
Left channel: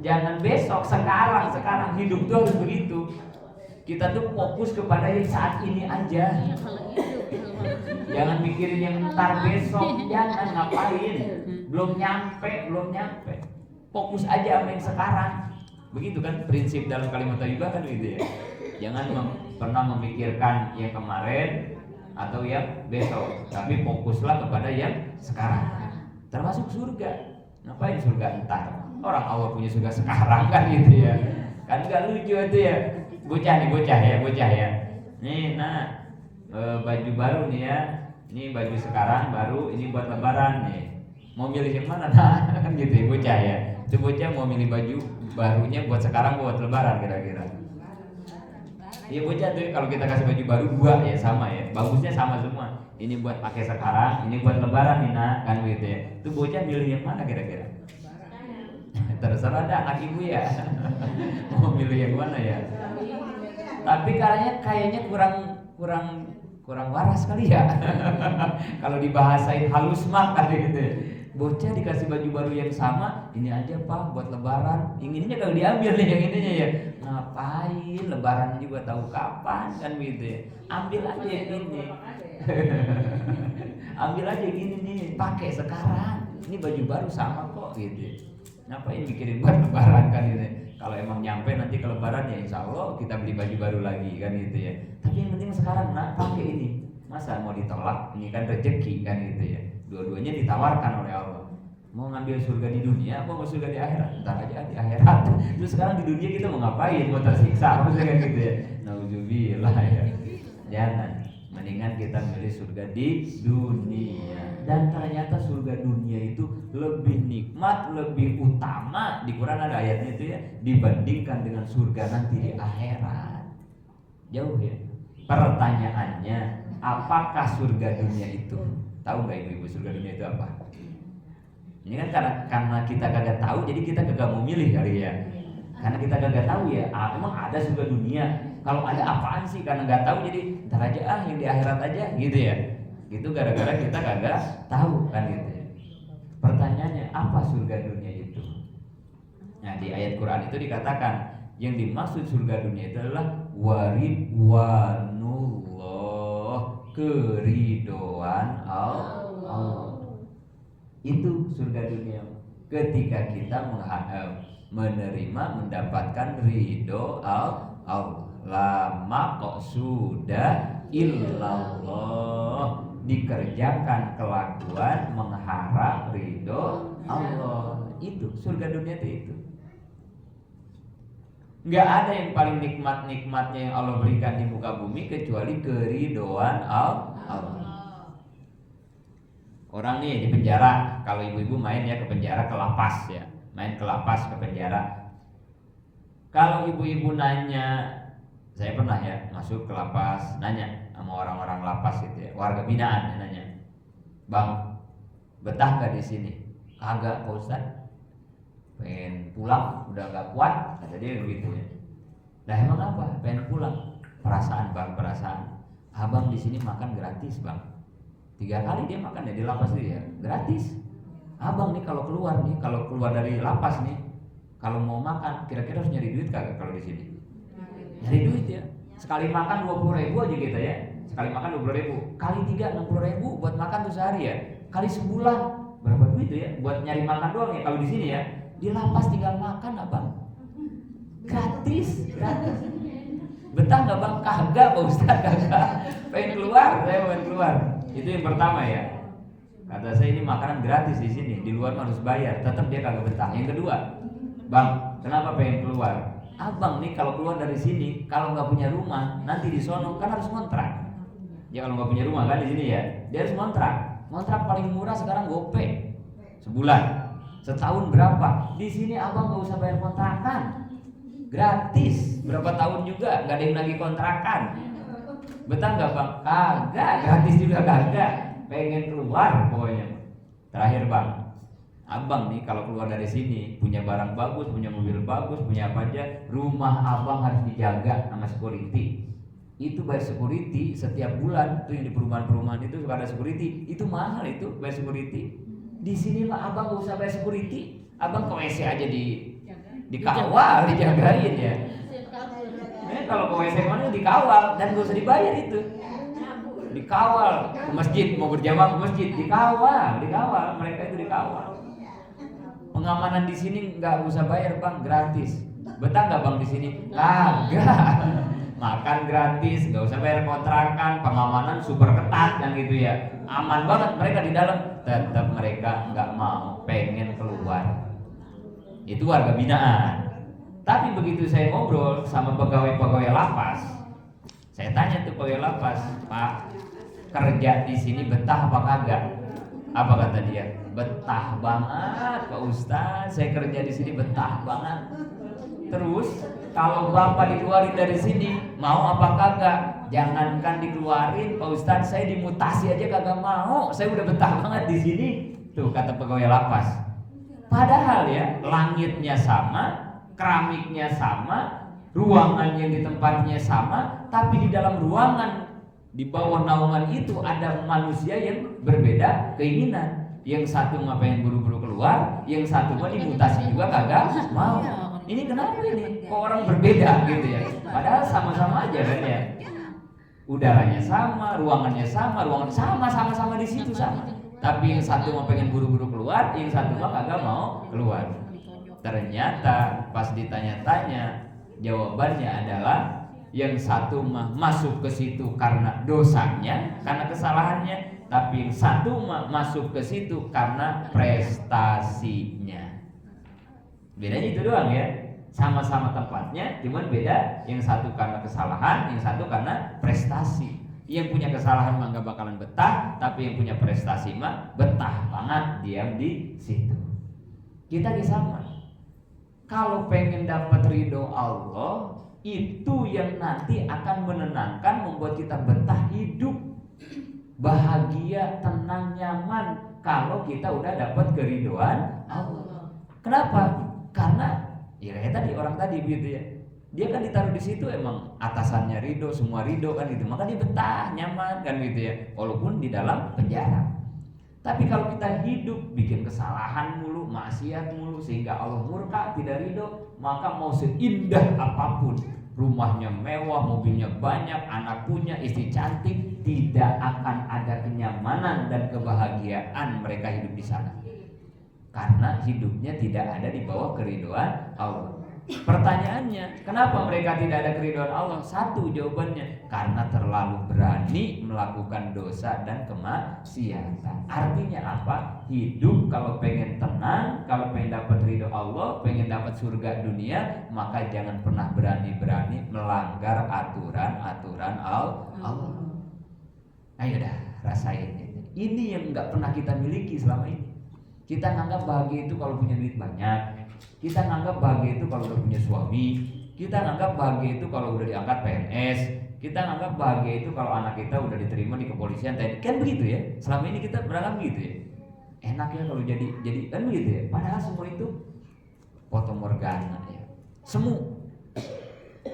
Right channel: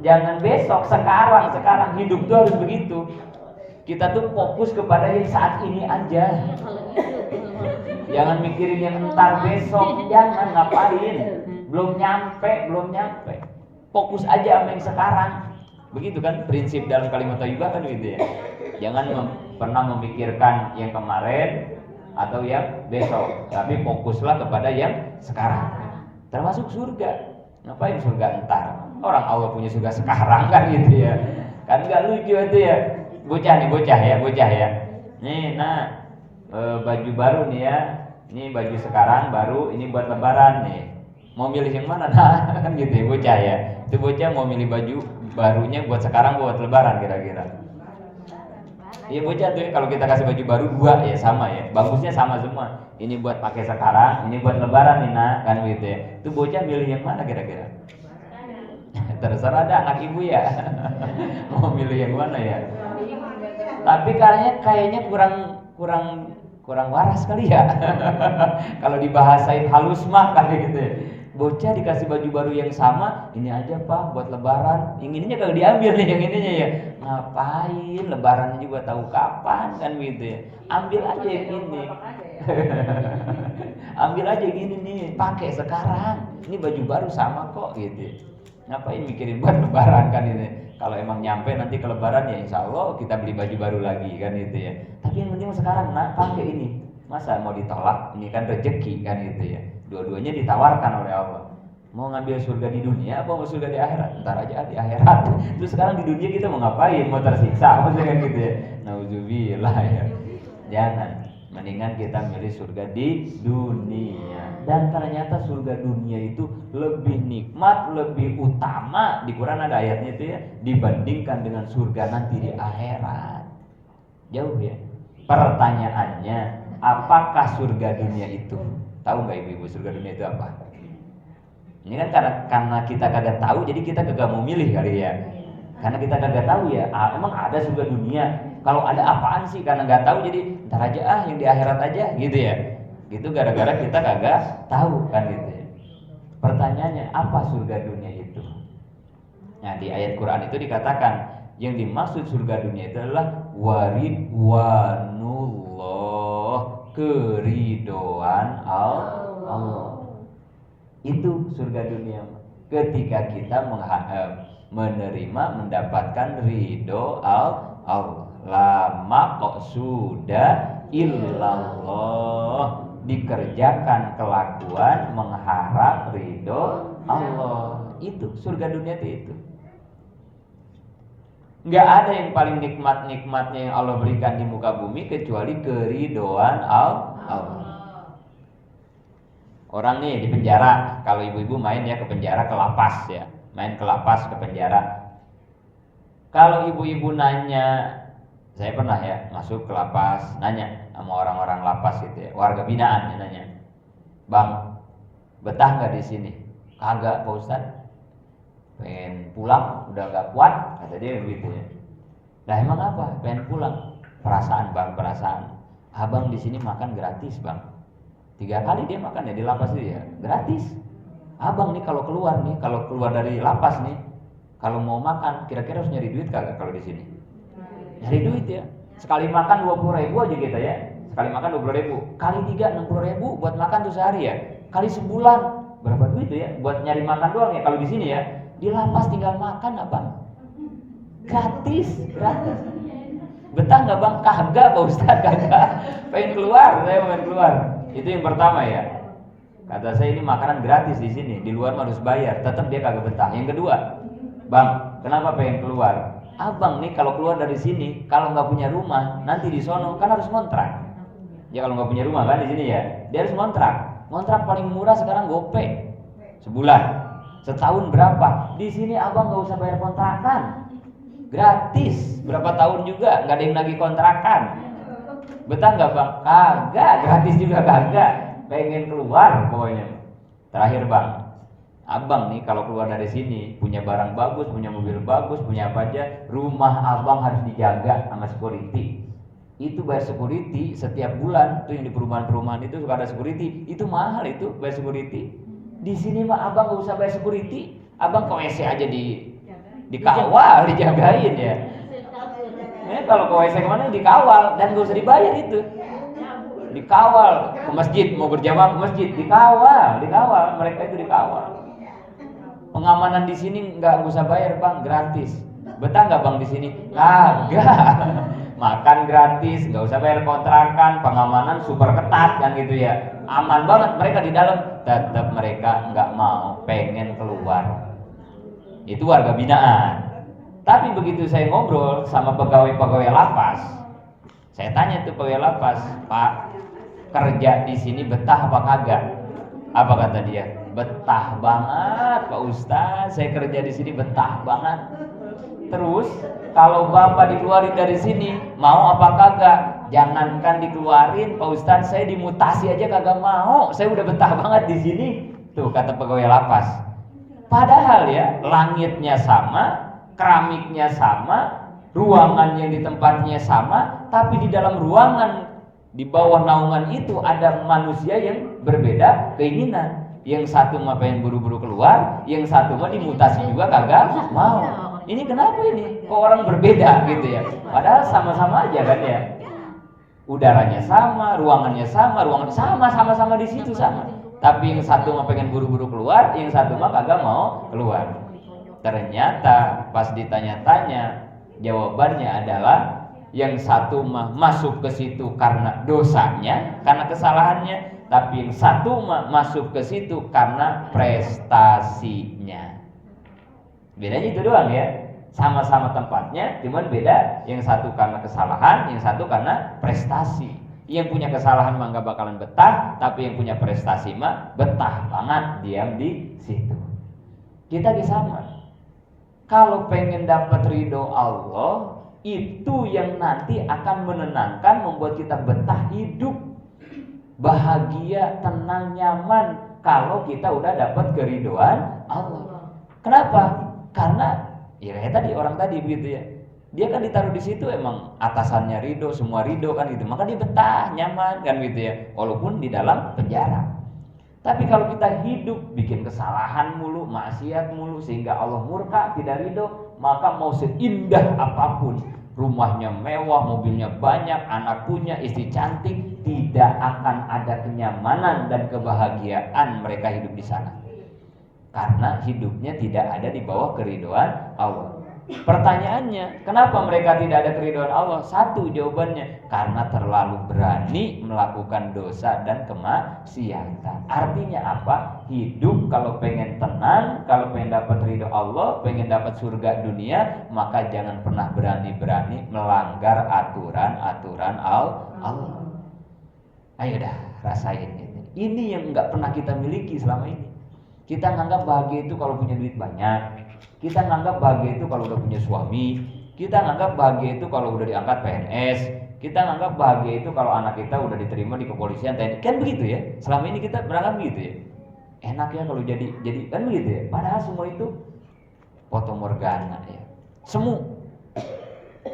jangan besok, sekarang hidup tuh harus begitu. Kita tuh fokus kepada yang saat ini aja. Jangan mikirin yang entar besok, jangan ngapain. Belum nyampe. Fokus aja sama yang sekarang. Begitu kan prinsip dalam kalimat thayyibah kan gitu ya. Jangan pernah memikirkan yang kemarin atau yang besok, tapi fokuslah kepada yang sekarang. Termasuk surga. Ngapain surga entar? Orang Allah punya surga sekarang kan gitu ya. Kan enggak lucu itu ya. Bocah ya. Nih, baju baru nih ya. Ini baju sekarang baru, ini buat lebaran nih. Mau milih yang mana? Nah, kan gitu ya bocah ya. Itu bocah mau milih baju barunya buat sekarang buat lebaran kira-kira. Iya bocah tuh kalau kita kasih baju baru dua ya sama ya. Bagusnya sama semua. Ini buat pakai sekarang, ini buat lebaran nih kan gitu ya. Itu bocah milih yang mana kira-kira? Terserah ada anak ibu ya. Mau milih yang mana ya? Tapi kayaknya kurang waras kali ya. Kalau dibahasain halus mah kali gitu ya. Bocah dikasih baju baru yang sama, ini aja Pak buat lebaran. Yang ininya kalau diambil nih yang ininya ya. Ngapain lebaran juga tahu kapan kan gitu ya. Ambil aja yang ini. Ambil aja yang ini nih, pakai sekarang. Ini baju baru sama kok gitu. Ngapain mikirin buat lebaran kan ini. Kalau emang nyampe nanti ke lebaran ya insya Allah kita beli baju baru lagi kan gitu ya. Tapi yang penting sekarang pakai ini. Masa mau ditolak? Ini kan rezeki kan gitu ya. Dua-duanya ditawarkan oleh Allah. Mau ngambil surga di dunia apa mau surga di akhirat? Ntar aja di akhirat. Terus sekarang di dunia kita mau ngapain? Mau tersiksa maksudnya kan gitu ya. Nauzubillah ya. Jangan. Mendingan kita milih surga di dunia. Dan ternyata surga dunia itu lebih nikmat, lebih utama. Di Quran ada ayatnya itu ya, dibandingkan dengan surga nanti di akhirat. Jauh ya. Pertanyaannya, apakah surga dunia itu? Tahu nggak ibu-ibu surga dunia itu apa? Ini kan karena kita kagak tahu, jadi kita kagak mau milih kali ya. Karena kita kagak tahu ya, emang ada surga dunia. Kalau ada apaan sih? Karena nggak tahu, jadi ntar aja yang di akhirat aja, gitu ya. Gitu gara-gara kita kagak tahu kan gitu ya. Pertanyaannya, apa surga dunia itu? Nah di ayat Quran itu dikatakan, Yang dimaksud surga dunia itu adalah waridwanullah, keridhaan Allah. Itu surga dunia. Ketika kita menerima, mendapatkan ridho Allah. Lama kok sudah illallah, dikerjakan kelakuan mengharap ridho Allah. Itu surga dunia itu. Nggak ada yang paling nikmat-nikmatnya yang Allah berikan di muka bumi kecuali keridhoan Allah. Orang nih di penjara, kalau ibu-ibu main ya ke penjara, ke lapas ya, main ke lapas, ke penjara. Kalau ibu-ibu nanya, saya pernah ya masuk ke lapas, nanya sama orang-orang lapas gitu ya, warga binaan ya, nanya, bang, betah nggak di sini? Kagak Pak Ustadz, pengen pulang, udah nggak kuat, kata dia begitu ya. Nah emang apa? Pengen pulang? Perasaan bang, perasaan. Abang di sini makan gratis bang. 3 kali dia makan ya di lapas itu ya, gratis. Abang nih kalau keluar dari lapas nih, kalau mau makan, kira-kira harus nyari duit kagak kalau di sini? Nyari duit ya. Sekali makan 20.000 aja gitu ya. Sekali makan 20.000, kali 3 60.000 buat makan tuh sehari ya. Kali sebulan berapa duit tuh ya? Buat nyari makan doang ya. Kalau di sini ya, di lapas tinggal makan abang, gratis. Betah nggak bang? Kagak Pak Ustadz, kagak. Pengen keluar, saya pengen keluar. Itu yang pertama ya. Kata saya ini makanan gratis di sini, di luar harus bayar. Tetap dia kagak betah. Yang kedua, bang, kenapa pengen keluar? Abang nih kalau keluar dari sini, kalau nggak punya rumah, nanti di sono kan harus kontrak. Ya kalau nggak punya rumah kan di sini ya, dia harus kontrak. Kontrak paling murah sekarang GoPay sebulan. Setahun berapa? Di sini abang nggak usah bayar kontrakan, gratis. Berapa tahun juga nggak ada yang nagih kontrakan. Betah nggak bang? Kagak, gratis juga kagak. Pengen keluar pokoknya. Terakhir bang, abang nih kalau keluar dari sini punya barang bagus, punya mobil bagus, punya apa aja, rumah abang harus dijaga sama security. Itu bayar security setiap bulan tuh yang di perumahan-perumahan itu suka ada security. Itu mahal itu bayar security. Di sini mah abang nggak usah bayar security. Abang ke WC aja dikawal, dijagain ya. Kalau ke WC kemana dikawal dan gak usah dibayar itu. Dikawal ke masjid, mau berjamaah ke masjid dikawal. Mereka itu dikawal. Pengamanan di sini nggak usah bayar bang, gratis. Betah nggak bang di sini? Kagak. Makan gratis, nggak usah bayar kontrakan, pengamanan super ketat kan gitu ya. Aman banget mereka di dalam. Tetap mereka nggak mau, pengen keluar. Itu warga binaan. Tapi begitu saya ngobrol sama pegawai-pegawai lapas, saya tanya tuh pegawai lapas, Pak, kerja di sini betah apa kagak? Apa kata dia? Betah banget Pak Ustadz, saya kerja di sini betah banget. Terus kalau Bapak dikeluarin dari sini, mau apa kagak? Jangankan dikeluarin Pak Ustadz, saya dimutasi aja kagak mau. Saya udah betah banget di sini. Tuh kata pegawai lapas. Padahal ya langitnya sama, keramiknya sama, ruangan yang ditempatnya sama, tapi di dalam ruangan di bawah naungan itu ada manusia yang berbeda keinginan. Yang satu mah pengen buru-buru keluar, yang satu mah dimutasi juga kagak mau. Ini kenapa ini? Kok orang berbeda gitu ya? Padahal sama-sama aja kan ya. Udaranya sama, ruangannya sama di situ sama. Tapi yang satu mah pengen buru-buru keluar, yang satu mah kagak mau keluar. Ternyata pas ditanya-tanya, jawabannya adalah yang satu mah masuk ke situ karena dosanya, karena kesalahannya, tapi yang satu mah masuk ke situ karena prestasinya. Bedanya itu doang ya. Sama-sama tempatnya, cuman beda. Yang satu karena kesalahan, yang satu karena prestasi. Yang punya kesalahan mah gak bakalan betah, tapi yang punya prestasi mah betah banget diam di situ. Kita sama. Kalau pengen dapat ridho Allah, itu yang nanti akan menenangkan, membuat kita betah hidup, bahagia, tenang, nyaman. Kalau kita udah dapat keridhoan Allah. Kenapa? Karena ya kayak tadi orang tadi begitu ya. Dia kan ditaruh di situ emang atasannya ridho, semua ridho kan gitu. Maka dia betah, nyaman kan gitu ya. Walaupun di dalam penjara. Tapi kalau kita hidup bikin kesalahan mulu, maksiat mulu sehingga Allah murka, tidak ridho, maka mau seindah apapun, rumahnya mewah, mobilnya banyak, anak punya, istri cantik, tidak akan ada kenyamanan dan kebahagiaan mereka hidup di sana. Karena hidupnya tidak ada di bawah keridhaan Allah. Pertanyaannya, kenapa mereka tidak ada keridhaan Allah? Satu jawabannya, karena terlalu berani melakukan dosa dan kemaksiatan. Artinya apa? Hidup kalau pengen tenang, kalau pengen dapat ridho Allah, pengen dapat surga dunia, maka jangan pernah berani-berani melanggar aturan-aturan Allah. Ayo dah, rasain gitu. Ini yang nggak pernah kita miliki selama ini. Kita nganggap bahagia itu kalau punya duit banyak. Kita nganggap bahagia itu kalau udah punya suami. Kita nganggap bahagia itu kalau udah diangkat PNS. Kita nganggap bahagia itu kalau anak kita udah diterima di kepolisian, TNI. Kan begitu ya. Selama ini kita berangkat begitu ya. Enak ya kalau jadi kan begitu ya. Padahal semua itu fotomorgana ya. Semu.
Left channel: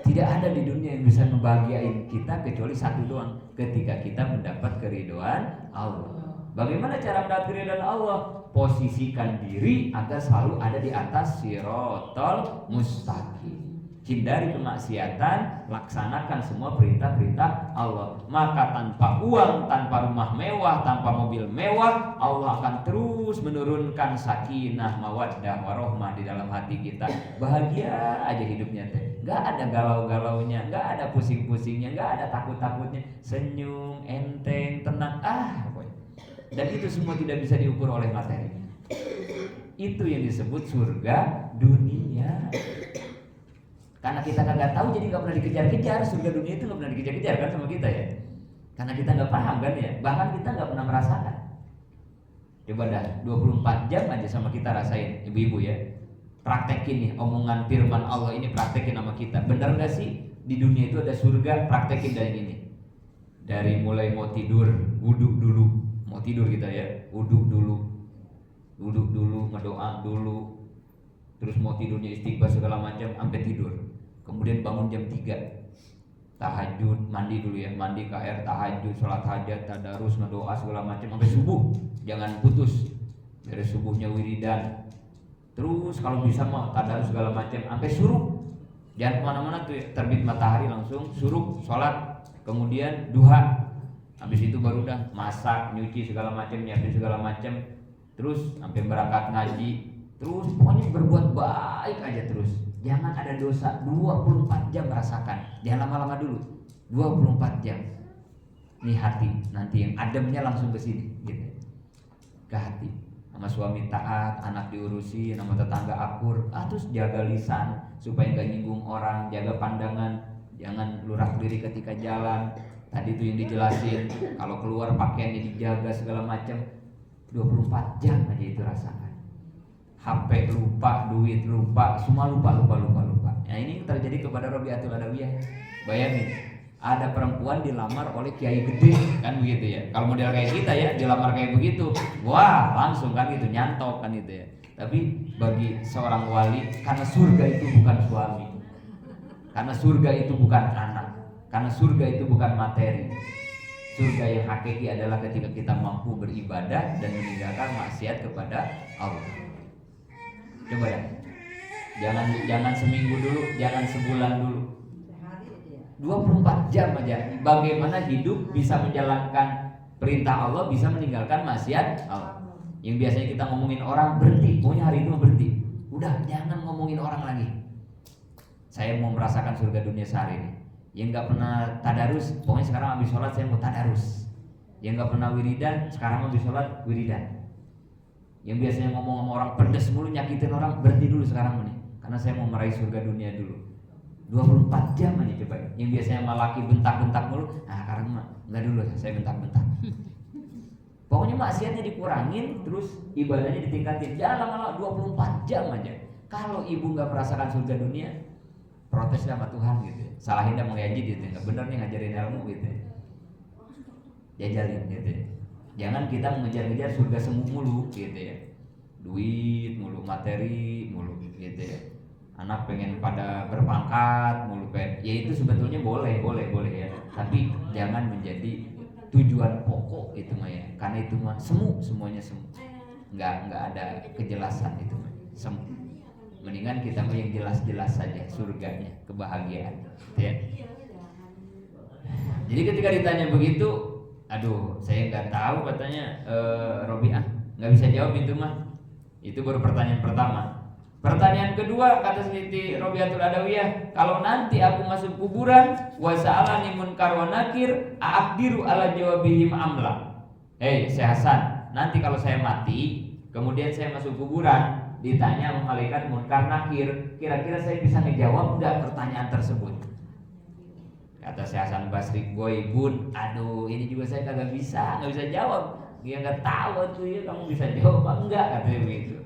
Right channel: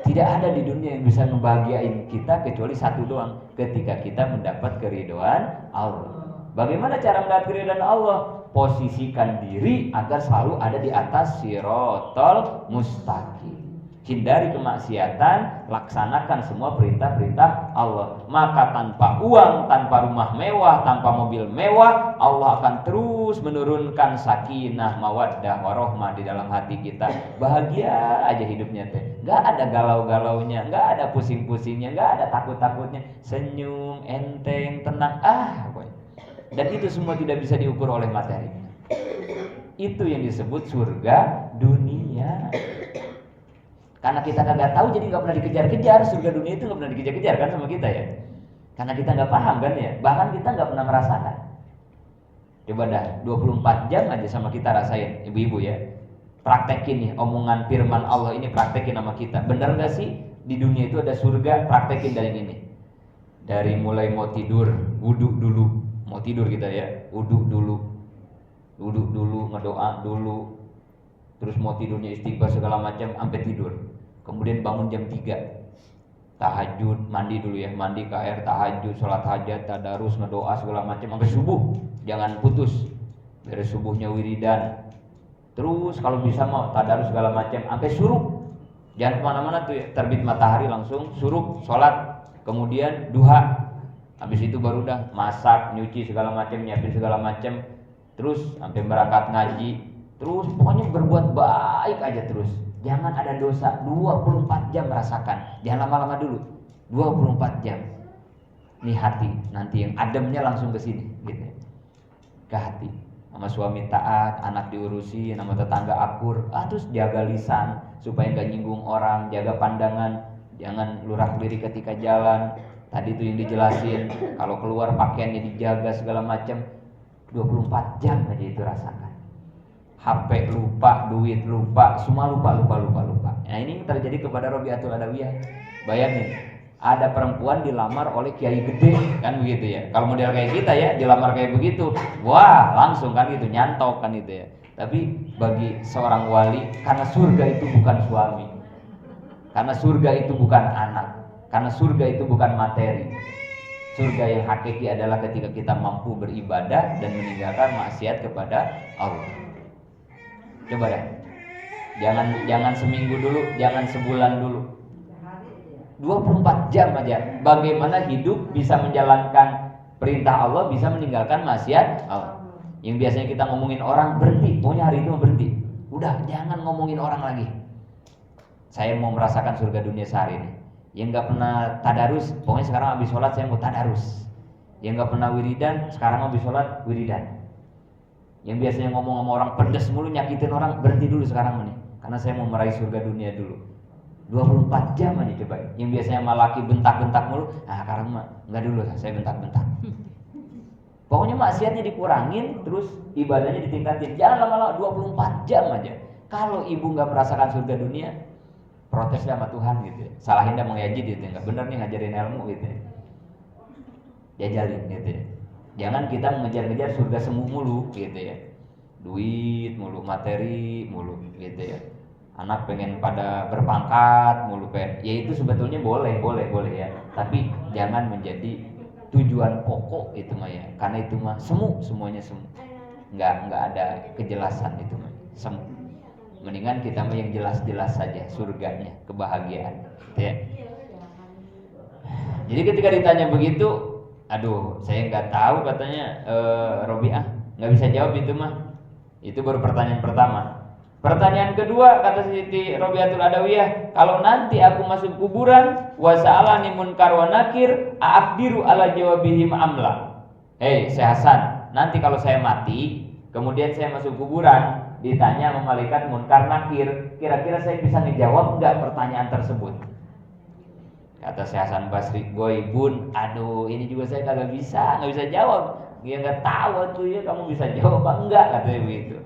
Tidak ada di dunia yang bisa membahagiain kita kecuali satu doang, ketika kita mendapat keridhaan Allah. Bagaimana cara mendapat keridhaan Allah? Posisikan diri agar selalu ada di atas sirotol mustaqim. Hindari kemaksiatan, laksanakan semua perintah-perintah Allah. Maka tanpa uang, tanpa rumah mewah, tanpa mobil mewah, Allah akan terus menurunkan sakinah, mawaddah, warohmah di dalam hati kita. Bahagia aja hidupnya teh. Gak ada galau-galaunya, gak ada pusing-pusingnya, gak ada takut-takutnya. Senyum, enteng, tenang. Dan itu semua tidak bisa diukur oleh materi. Itu yang disebut surga dunia. Karena kita kagak tahu, jadi nggak pernah dikejar-kejar. Surga dunia itu nggak pernah dikejar-kejar kan sama kita ya. Karena kita nggak paham kan ya. Bahkan kita nggak pernah merasakan. Coba dah 24 jam aja sama kita rasain, ibu-ibu ya. Praktekin nih omongan firman Allah ini, praktekin sama kita. Benar nggak sih di dunia itu ada surga? Praktekin dari ini. Dari mulai mau tidur, wudhu dulu. Mau tidur kita ya, wudhu dulu, ngedoa dulu. Terus mau tidurnya istighfar segala macam sampai tidur. Kemudian bangun jam 3, tahajud, mandi dulu ya, mandi ke air, tahajud, sholat hajat, tadarus, ngedoa segala macam sampai subuh. Jangan putus. Dari subuhnya wiridan. Terus kalau bisa mau tadarus segala macam sampai suruh. Jangan kemana-mana tuh ya. Terbit matahari langsung suruh, sholat, kemudian duha. Habis itu baru dah masak, nyuci segala macam, nyiapin segala macam. Terus sampai berangkat ngaji. Terus pokoknya berbuat baik aja terus. Jangan ada dosa. 24 jam merasakan. Jangan lama-lama dulu. 24 jam. Ini hati. Nanti yang ademnya langsung ke sini gitu. Ke hati. Sama suami taat, anak diurusi, sama tetangga akur. Terus jaga lisan supaya gak nyinggung orang, jaga pandangan, jangan lurak-lirik ketika jalan. Tadi itu yang dijelasin, kalau keluar pakaiannya dijaga segala macam. 24 jam aja itu rasakan. HP lupa, duit lupa, semua lupa. Nah ini terjadi kepada Robiatul Adawiyah. Bayangin, ada perempuan dilamar oleh kiai gede, kan begitu ya. Kalau model kayak kita ya, dilamar kayak begitu, wah langsung kan itu, nyantok kan itu ya. Tapi bagi seorang wali, karena surga itu bukan suami, karena surga itu bukan anak, karena surga itu bukan materi. Surga yang hakiki adalah ketika kita mampu beribadah dan meninggalkan maksiat kepada Allah. Coba ya, jangan seminggu dulu, jangan sebulan dulu, 24 jam aja. Bagaimana hidup bisa menjalankan perintah Allah, bisa meninggalkan maksiat Allah. Yang biasanya kita ngomongin orang, berhenti, pokoknya hari itu berhenti. Udah, jangan ngomongin orang lagi. Saya mau merasakan surga dunia sehari ini. Yang nggak pernah tadarus, pokoknya sekarang habis sholat saya mau tadarus. Yang nggak pernah wiridan, sekarang habis sholat wiridan. Yang biasanya ngomong sama orang pedes mulu, nyakitin orang, berhenti dulu sekarang nih. Karena saya mau meraih surga dunia dulu. 24 jam aja coba. Yang biasanya sama laki bentak-bentak mulu, sekarang mah enggak dulu, saya bentak-bentak. Pokoknya maksiatnya dikurangin, terus ibadahnya ditingkatin. Jangan lama-lama, 24 jam aja. Kalau ibu nggak merasakan surga dunia, protes sama Tuhan gitu. Salahin dia mengaji gitu, nggak bener nih ngajarin ilmu gitu. Jajalin gitu. Jangan kita mengejar-ngejar surga semu mulu gitu ya. Duit mulu, materi mulu gitu ya. Anak pengen pada berpangkat mulu pengen. Ya itu sebetulnya boleh ya. Tapi jangan menjadi tujuan pokok itu mah ya. Karena itu mah semuanya semu. Enggak ada kejelasan itu mah. Semu. Mendingan kita mah yang jelas-jelas saja surganya, kebahagiaan, gitu ya. Jadi ketika ditanya begitu, aduh saya nggak tahu katanya Robiah, nggak bisa jawab itu mah. Itu baru pertanyaan pertama. Pertanyaan kedua kata Siti Robiatul Adawiyah, kalau nanti aku masuk kuburan, wa sa'alani munkar wa nakir, a'abdiru ala jawabihim amla. Hei Syekh Hasan, nanti kalau saya mati, kemudian saya masuk kuburan, ditanya sama malaikat munkar nakir, kira-kira saya bisa ngejawab enggak pertanyaan tersebut? Kata Syekh Hasan Basri, goibun, aduh ini juga saya nggak bisa jawab. Dia nggak tahu tuh ya kamu bisa jawab apa enggak, katanya begitu.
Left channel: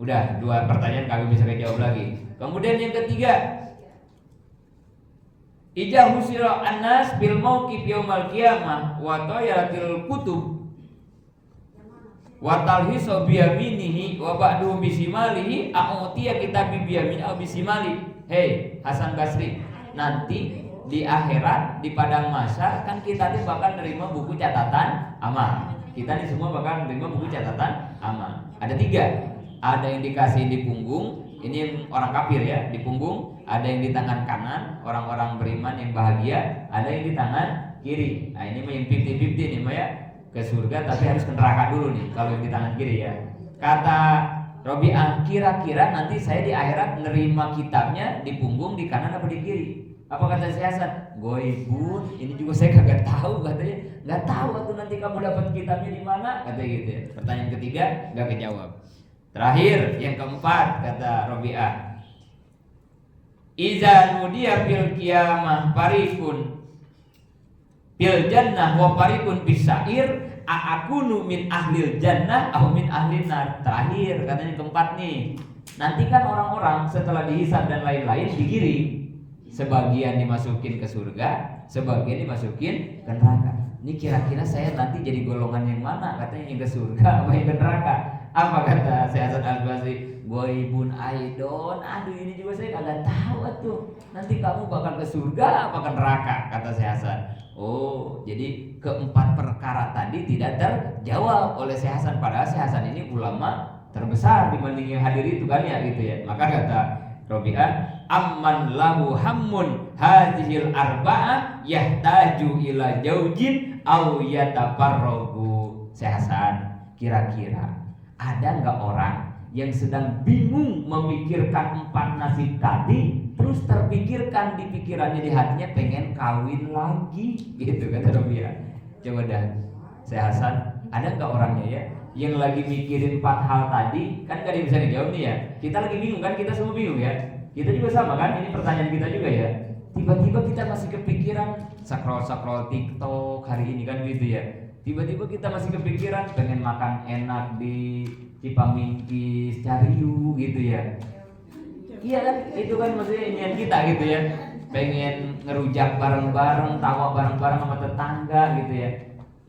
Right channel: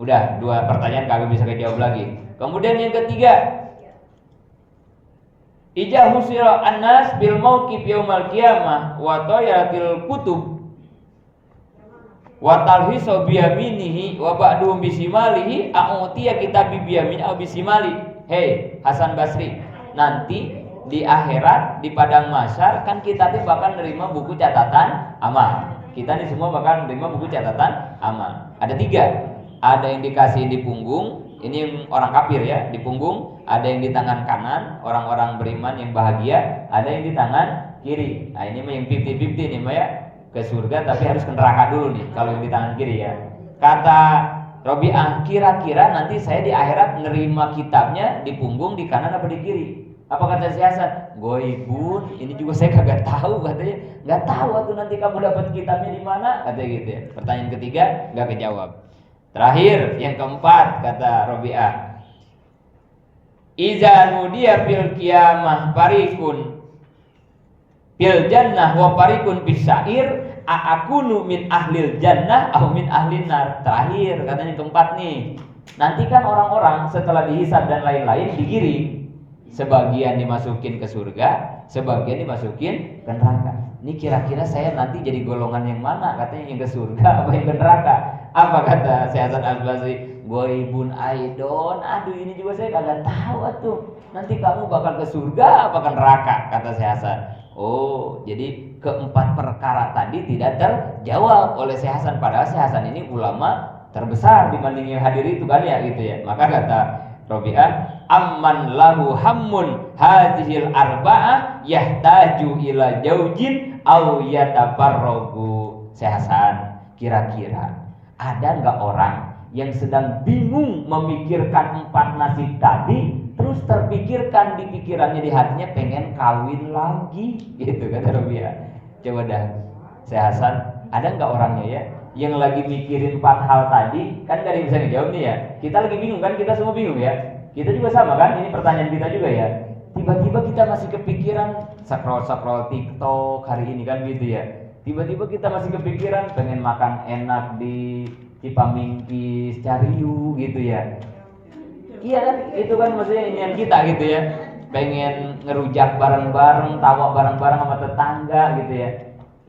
Udah 2 pertanyaan kagak bisa dijawab lagi. Kemudian yang ketiga, ija husira annas bil mauqif yaumal qiyamah wa tayratil kutub wa talhisu biyaminihi wa ba'du bisimalihi a'utiya kitab biyamin aw bisimali. Hei Hasan Basri, nanti di akhirat di padang mahsyar kan kita tuh bakal nerima buku catatan amal. Kita nih semua bakal nerima buku catatan amal. Ada 3. Ada yang dikasih di punggung, ini yang orang kafir ya, di punggung. Ada yang di tangan kanan, orang-orang beriman yang bahagia. Ada yang di tangan kiri. Nah ini mah yang 50-50 nih mah ya, ke surga tapi harus ke neraka dulu nih kalau yang di tangan kiri ya. Kata Robiah, kira-kira nanti saya di akhirat nerima kitabnya di punggung, di kanan apa di kiri? Apa kata Syekh Hasan? Goibun, ini juga saya kagak tahu katanya. Nggak tahu waktu nanti kamu dapat kitabnya di mana, katanya gitu ya. Pertanyaan ketiga nggak kejawab. Terakhir yang keempat kata Robiah, iza nudiya fil qiyamah parikun fil jannah wa parikun bis sa'ir a'akunu min ahlil jannah atau min ahlin nar. Terakhir katanya keempat nih. Nanti kan orang-orang setelah dihisab dan lain-lain digiring. Sebagian dimasukin ke surga, sebagian dimasukin ke neraka. Ini kira-kira saya nanti jadi golongan yang mana? Katanya yang ke surga apa yang ke neraka? Apa kata Syekh Hasan Al-Basri? Goibun aidon. Aduh ini juga saya kagak tahu tuh. Nanti kamu bakal ke surga apa ke neraka? Kata Syekh Hasan. Oh, jadi keempat perkara tadi tidak terjawab oleh Syekh Hasan. Padahal Syekh Hasan ini ulama terbesar dibanding yang hadir itu kan ya gitu ya. Maka kata Robiah, amman lahu hammun hadhil arba'ah yahtaju ila jaujin aw yatafarragu. Syekh Hasan, kira-kira ada enggak orang yang sedang bingung memikirkan 4 nasib tadi, terus terpikirkan di pikirannya, di hatinya pengen kawin lagi gitu kata Robiah. Coba dah Syekh Hasan, ada enggak orangnya ya yang lagi mikirin 4 hal tadi? Kan gak ada yang bisa ngejawab nih ya. Kita lagi bingung kan, kita semua bingung ya. Kita juga sama kan, ini pertanyaan kita juga ya. Tiba-tiba kita masih kepikiran scroll TikTok hari ini kan gitu ya. Tiba-tiba kita masih kepikiran pengen makan enak di Cipamingkis Cariu gitu ya. Iya kan, itu kan maksudnya inian kita gitu ya. Pengen ngerujak bareng-bareng, tawa bareng-bareng sama tetangga gitu ya.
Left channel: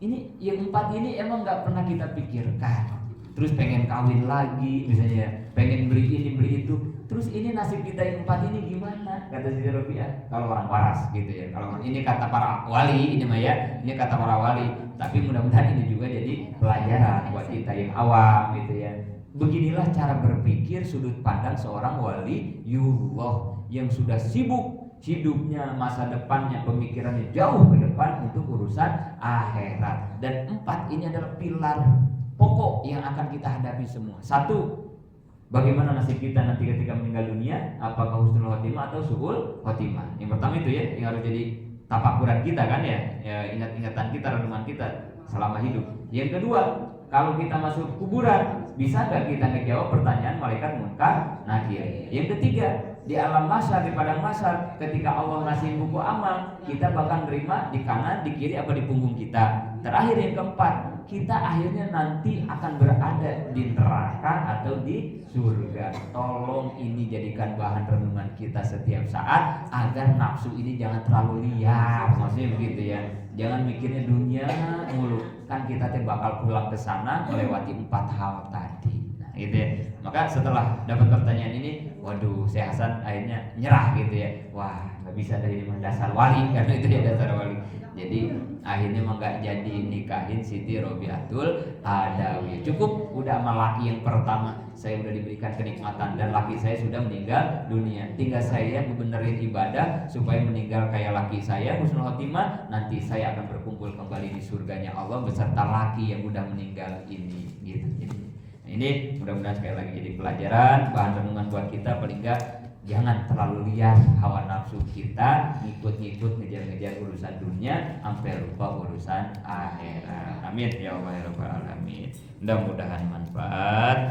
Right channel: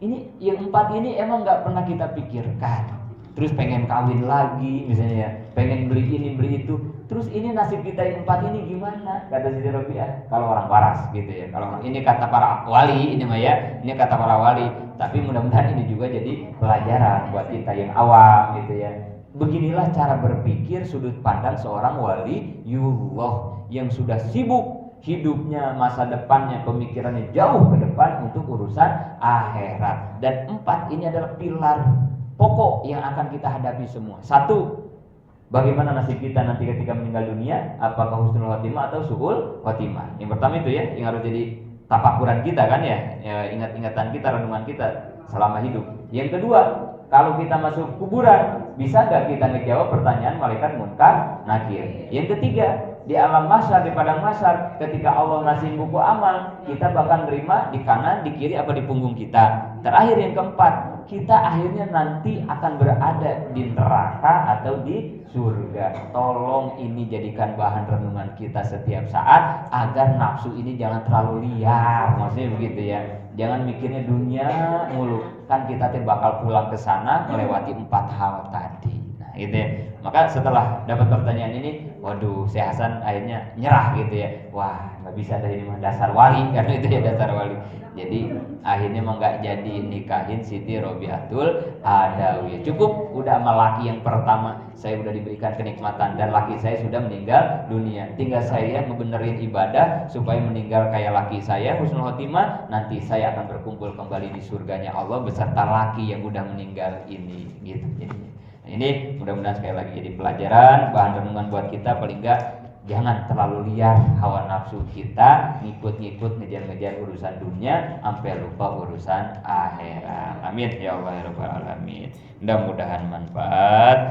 Ini yang 4 ini emang nggak pernah kita pikirkan. Terus pengen kawin lagi misalnya, pengen beli ini beli itu. Terus ini nasib kita yang 4 ini gimana? Kata Siti Robiah, kalau orang waras gitu ya. Kalau ini kata para wali ini mah ya, ini kata para wali. Tapi mudah-mudahan ini juga jadi pelajaran buat kita yang awam gitu ya. Beginilah cara berpikir sudut pandang seorang waliullah yang sudah sibuk hidupnya, masa depannya, pemikirannya jauh ke depan untuk urusan akhirat. Dan 4 ini adalah pilar pokok yang akan kita hadapi semua. 1, bagaimana nasib kita nanti ketika meninggal dunia? Apakah husnul khotimah atau su'ul khotimah? Yang pertama itu ya, yang harus jadi tafakuran kita kan ya, ingat-ingatan kita, renungan kita selama hidup. Yang kedua, kalau kita masuk kuburan, bisa gak kita ngejawab pertanyaan malaikat munkar nakir? Yang ketiga, di alam mahsyar, di padang mahsyar, ketika Allah ngasih buku amal, kita bakal nerima di kanan, di kiri, apa di punggung kita. Terakhir yang keempat, kita akhirnya nanti akan berada di neraka atau di surga. Tolong ini jadikan bahan renungan kita setiap saat agar nafsu ini jangan terlalu liar, maksudnya begitu ya. Jangan mikirnya dunia mulu, kan kita bakal pulang ke sana melewati 4 hal tadi. Nah, gitu ya. Maka setelah dapat pertanyaan ini, waduh, Syekh Hasan akhirnya nyerah gitu ya. Wah, nggak bisa dari dasar wali, karena itu ya dasar wali. Jadi akhirnya mah nggak jadi nikahin Siti Robiatul Adawi. Cukup udah sama laki yang pertama saya udah diberikan kenikmatan dan laki saya sudah meninggal dunia. Tinggal saya ngebenerin ibadah supaya meninggal kayak laki saya husnul khotimah. Nanti saya akan berkumpul kembali di surganya Allah beserta laki yang udah meninggal ini. Gitu. Jadi, ini mudah-mudahan sekali lagi jadi pelajaran, bahan renungan buat kita. Paling enggak jangan terlalu liar hawa nafsu kita, ngikut-ngikut ngejar-ngejar urusan dunia sampai lupa urusan akhirat. Amin ya Allah ya rabbal alamin. Mudah-mudahan manfaat.